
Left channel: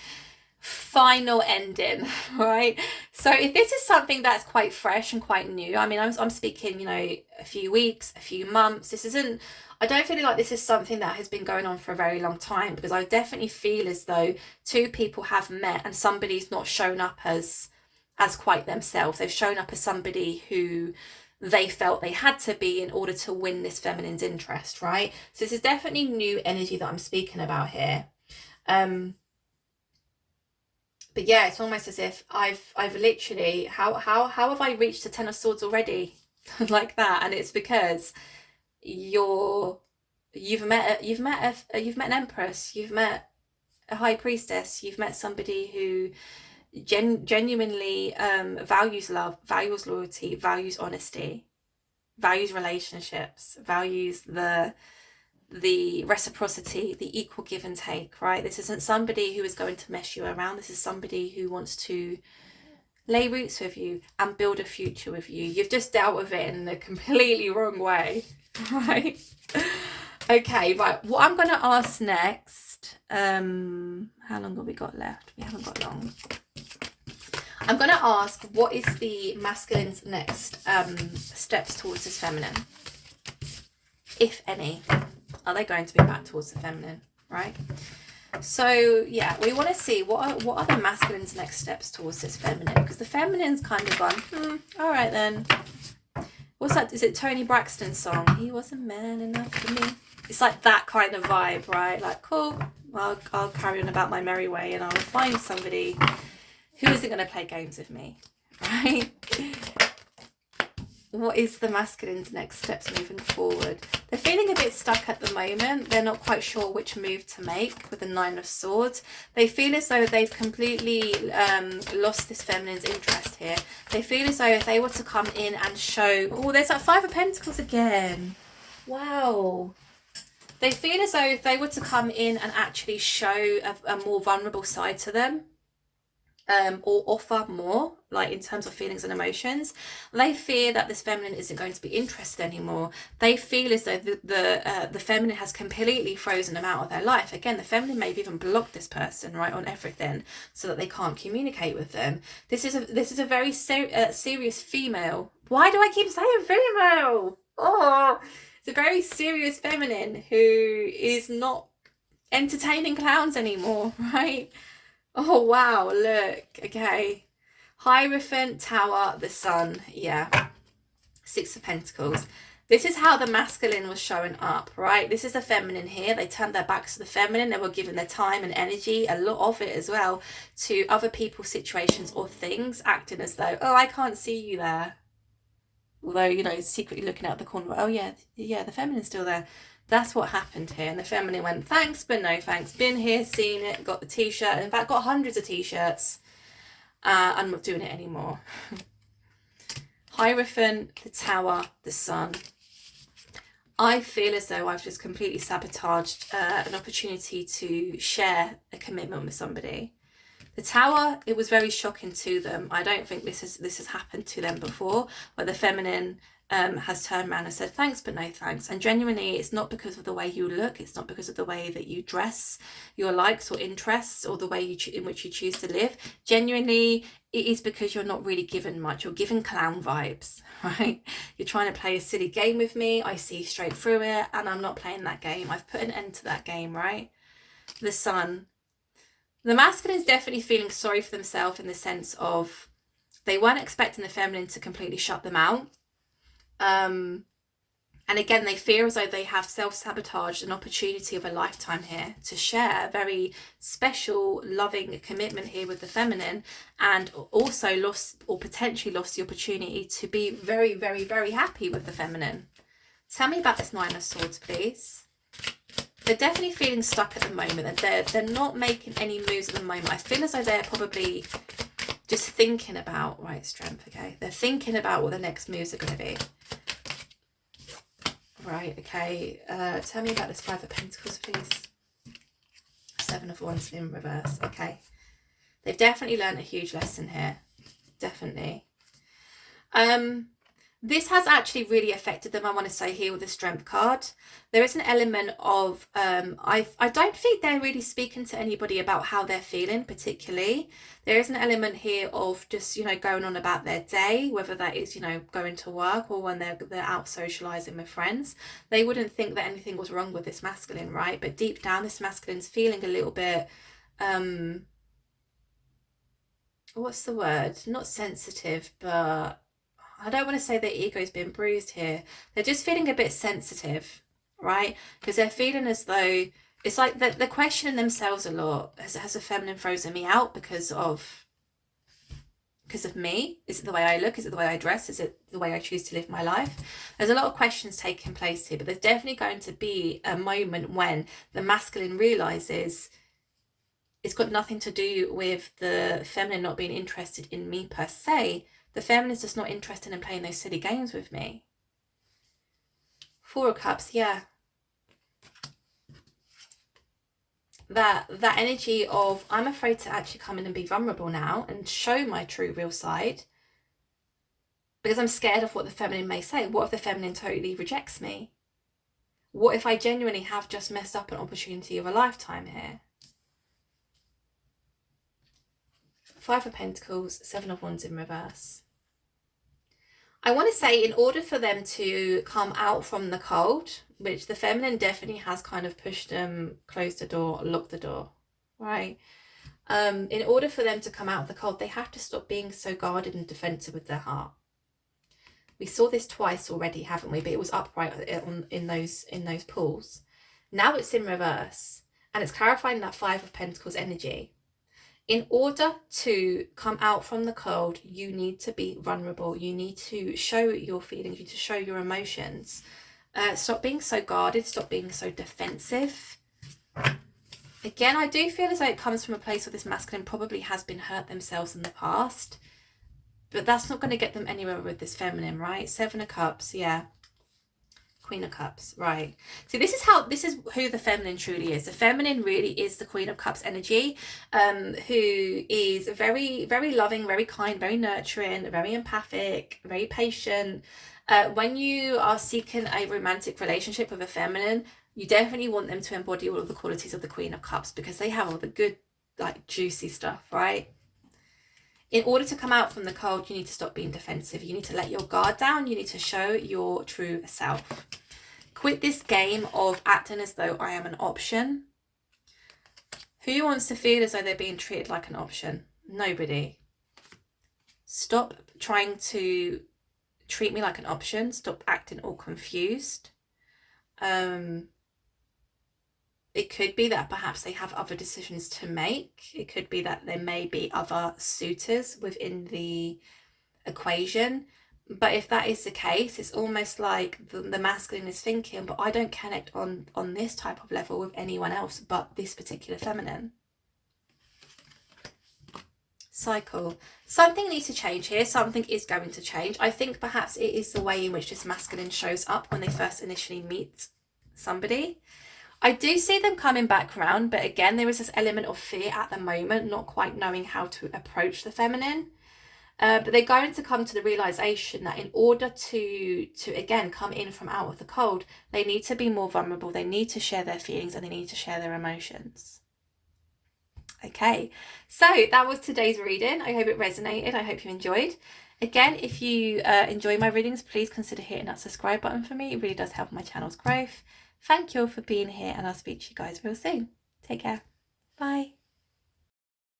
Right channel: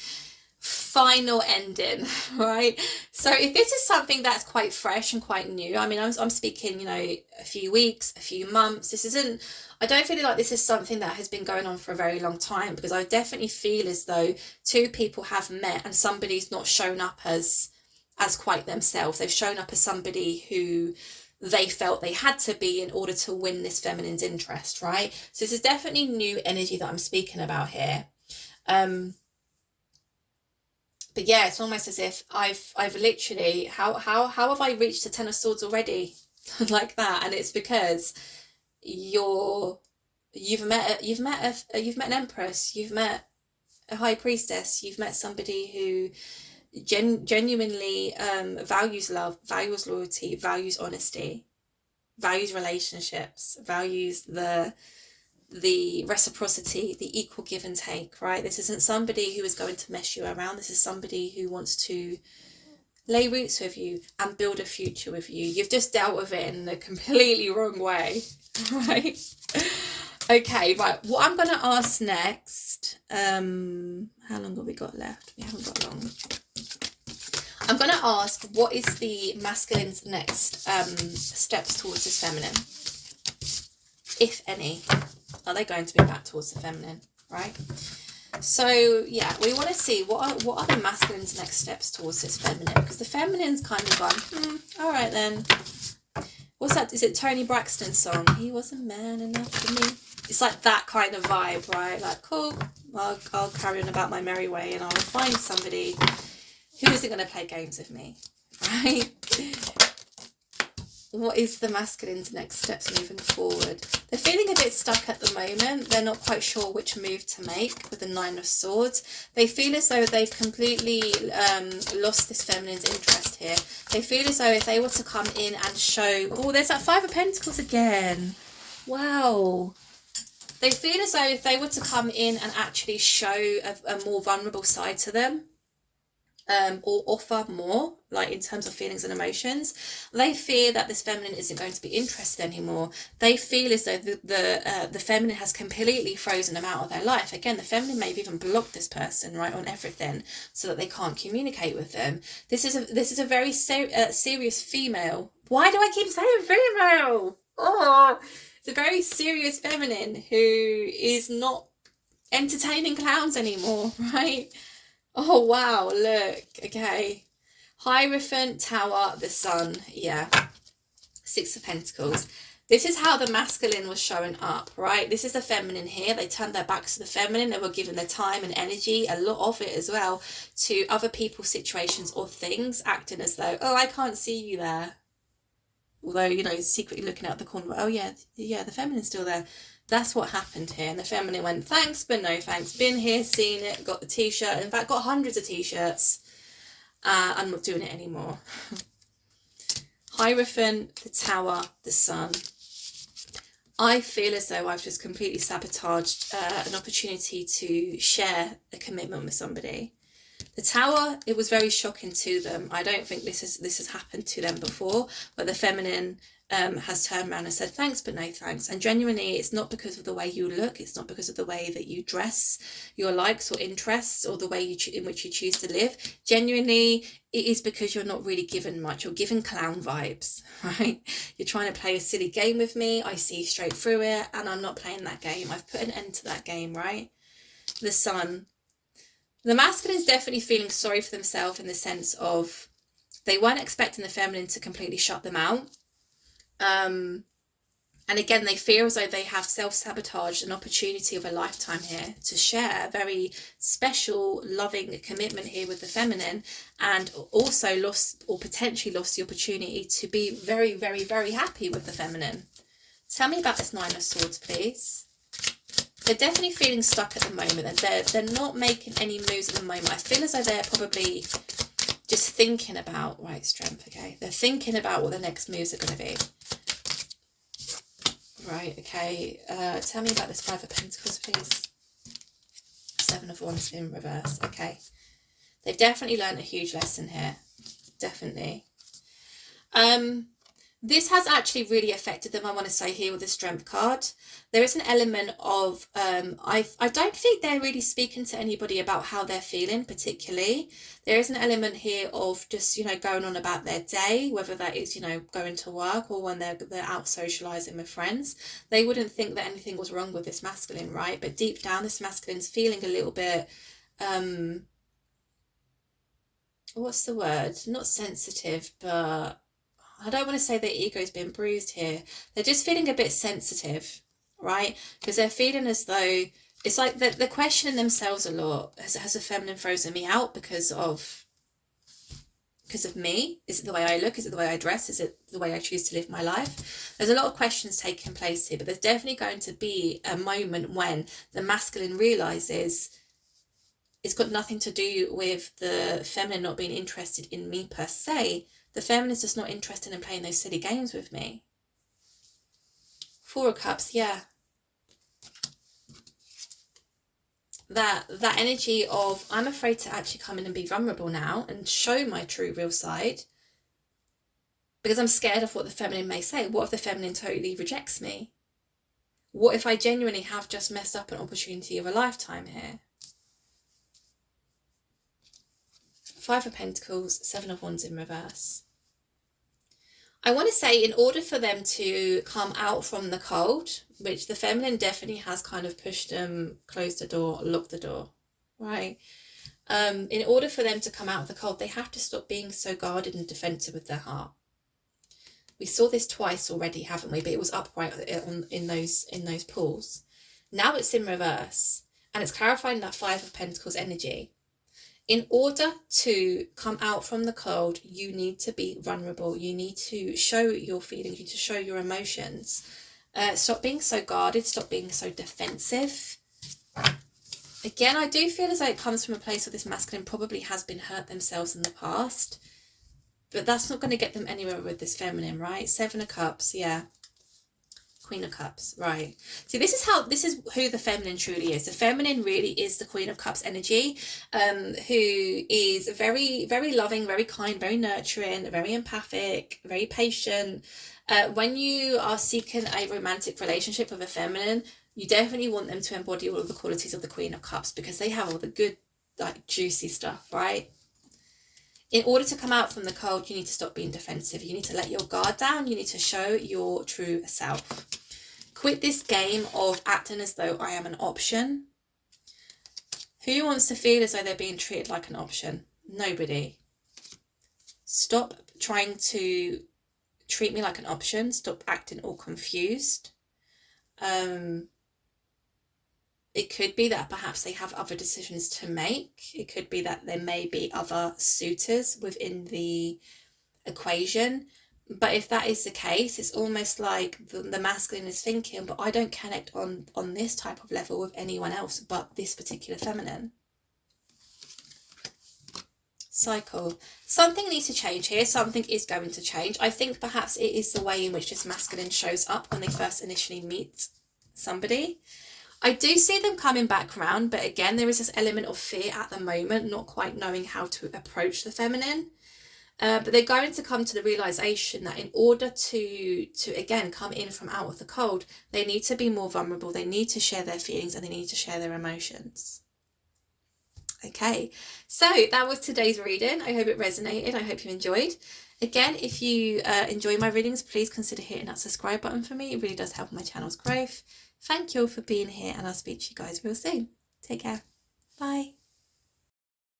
final ending, right? So if this is something that's quite fresh and quite new, I mean, I'm speaking, a few weeks, a few months. I don't feel like this is something that has been going on for a very long time, because I definitely feel as though two people have met and somebody's not shown up as quite themselves. They've shown up as somebody who they felt they had to be in order to win this feminine's interest, right? So this is definitely new energy that I'm speaking about here. But yeah, it's almost as if I've literally, how have I reached the Ten of Swords already? Like that. And it's because you've met an empress, you've met a high priestess, you've met somebody who genuinely values love, values loyalty, values honesty, values relationships, values the reciprocity, the equal give and take, right? This isn't somebody who is going to mess you around. This is somebody who wants to lay roots with you and build a future with you. You've just dealt with it in the completely wrong way, right? Okay, right. What I'm going to ask next, how long have we got left? We haven't got long. I'm going to ask, what is the masculine's next steps towards this feminine? If any. Are they going to be back towards the feminine, right? So yeah, we want to see what are the masculine's next steps towards this feminine, because the feminine's kind of gone, all right then. What's that? Is it Tony Braxton's song? He was a man enough for me. It's like that kind of vibe, right? Like, cool, I'll carry on about my merry way and I'll find somebody who isn't going to play games with me, right? What is the masculine's next steps moving forward? They're feeling a bit stuck at the moment. They're not quite sure which move to make with the Nine of Swords. They feel as though they've completely lost this feminine's interest here. They feel as though if they were to come in and show... Oh, there's that Five of Pentacles again. Wow. They feel as though if they were to come in and actually show a more vulnerable side to them, or offer more, like in terms of feelings and emotions, they fear that this feminine isn't going to be interested anymore. They feel as though the feminine has completely frozen them out of their life. Again, the feminine may have even blocked this person, right, on everything, so that they can't communicate with them. This is a very serious female. Why do I keep saying female? Oh, it's a very serious feminine who is not entertaining clowns anymore, right? Oh, wow, look, okay. Hierophant, Tower, the Sun, yeah. Six of Pentacles. This is how the masculine was showing up, right? This is the feminine here. They turned their backs to the feminine. They were giving their time and energy, a lot of it as well, to other people's situations or things, acting as though, oh, I can't see you there. Although, secretly looking out the corner, oh, yeah, the feminine's still there. That's what happened here. And the feminine went, thanks, but no thanks. Been here, seen it, got the t-shirt. In fact, got hundreds of t-shirts. I'm not doing it anymore. Hierophant, the Tower, the Sun. I feel as though I've just completely sabotaged an opportunity to share a commitment with somebody. The Tower, it was very shocking to them. I don't think this has happened to them before, where the feminine has turned around and said thanks but no thanks. And genuinely, it's not because of the way you look, it's not because of the way that you dress, your likes or interests, or the way in which you choose to live. Genuinely, it is because you're not really given much. You're given clown vibes, right? You're trying to play a silly game with me. I see straight through it, and I'm not playing that game. I've put an end to that game, right? The Sun. The masculine is definitely feeling sorry for themselves in the sense of they weren't expecting the feminine to completely shut them out. And again, they fear as though they have self-sabotaged an opportunity of a lifetime here to share a very special, loving commitment here with the feminine, and also lost or potentially lost the opportunity to be very, very, very happy with the feminine. Tell me about this Nine of Swords, please. They're definitely feeling stuck at the moment. They're not making any moves at the moment. I feel as though they're probably just thinking about, right, Strength, okay. They're thinking about what the next moves are going to be. Right, okay. Tell me about this Five of Pentacles, please. Seven of Wands in reverse. Okay. They've definitely learned a huge lesson here. Definitely. This has actually really affected them, I want to say, here with the Strength card. There is an element of, I don't think they're really speaking to anybody about how they're feeling particularly. There is an element here of just, you know, going on about their day, whether that is, you know, going to work or when they're out socializing with friends. They wouldn't think that anything was wrong with this masculine, right? But deep down, this masculine's feeling a little bit, what's the word? Not sensitive, but I don't want to say their ego's been bruised here. They're just feeling a bit sensitive, right? Because they're feeling as though it's like they're questioning themselves a lot. Has a feminine frozen me out because of me? Is it the way I look? Is it the way I dress? Is it the way I choose to live my life? There's a lot of questions taking place here, but there's definitely going to be a moment when the masculine realizes it's got nothing to do with the feminine not being interested in me per se. The feminine is just not interested in playing those silly games with me. Four of Cups, yeah. That energy of, I'm afraid to actually come in and be vulnerable now and show my true real side because I'm scared of what the feminine may say. What if the feminine totally rejects me? What if I genuinely have just messed up an opportunity of a lifetime here? Five of Pentacles, Seven of Wands in reverse. I want to say in order for them to come out from the cold, which the feminine definitely has kind of pushed them, closed the door, locked the door, right? In order for them to come out of the cold, they have to stop being so guarded and defensive with their heart. We saw this twice already, haven't we? But it was upright in those pools. Now it's in reverse, and it's clarifying that Five of Pentacles energy. In order to come out from the cold, you need to be vulnerable. You need to show your feelings. You need to show your emotions. Stop being so guarded. Stop being so defensive. Again, I do feel as though it comes from a place where this masculine probably has been hurt themselves in the past. But that's not going to get them anywhere with this feminine, right? Seven of Cups, yeah. Queen of Cups, right. See, this is who the feminine truly is. The feminine really is the Queen of Cups energy, who is very, very loving, very kind, very nurturing, very empathic, very patient. When you are seeking a romantic relationship with a feminine, you definitely want them to embody all of the qualities of the Queen of Cups because they have all the good, like, juicy stuff, right? In order to come out from the cold, you need to stop being defensive. You need to let your guard down. You need to show your true self. Quit this game of acting as though I am an option. Who wants to feel as though they're being treated like an option? Nobody. Stop trying to treat me like an option. Stop acting all confused. It could be that perhaps they have other decisions to make. It could be that there may be other suitors within the equation. But if that is the case, it's almost like the masculine is thinking, but I don't connect on this type of level with anyone else but this particular feminine. Cycle. Something needs to change here. Something is going to change. I think perhaps it is the way in which this masculine shows up when they first initially meet somebody. I do see them coming back around, but again, there is this element of fear at the moment, not quite knowing how to approach the feminine. but they're going to come to the realization that in order to again come in from out of the cold, they need to be more vulnerable, they need to share their feelings, and they need to share their emotions. Okay, so that was today's reading. I hope it resonated. I hope you enjoyed. Again, if you enjoy my readings, please consider hitting that subscribe button for me. It really does help my channel's growth. Thank you all for being here, and I'll speak to you guys real soon. Take care. Bye.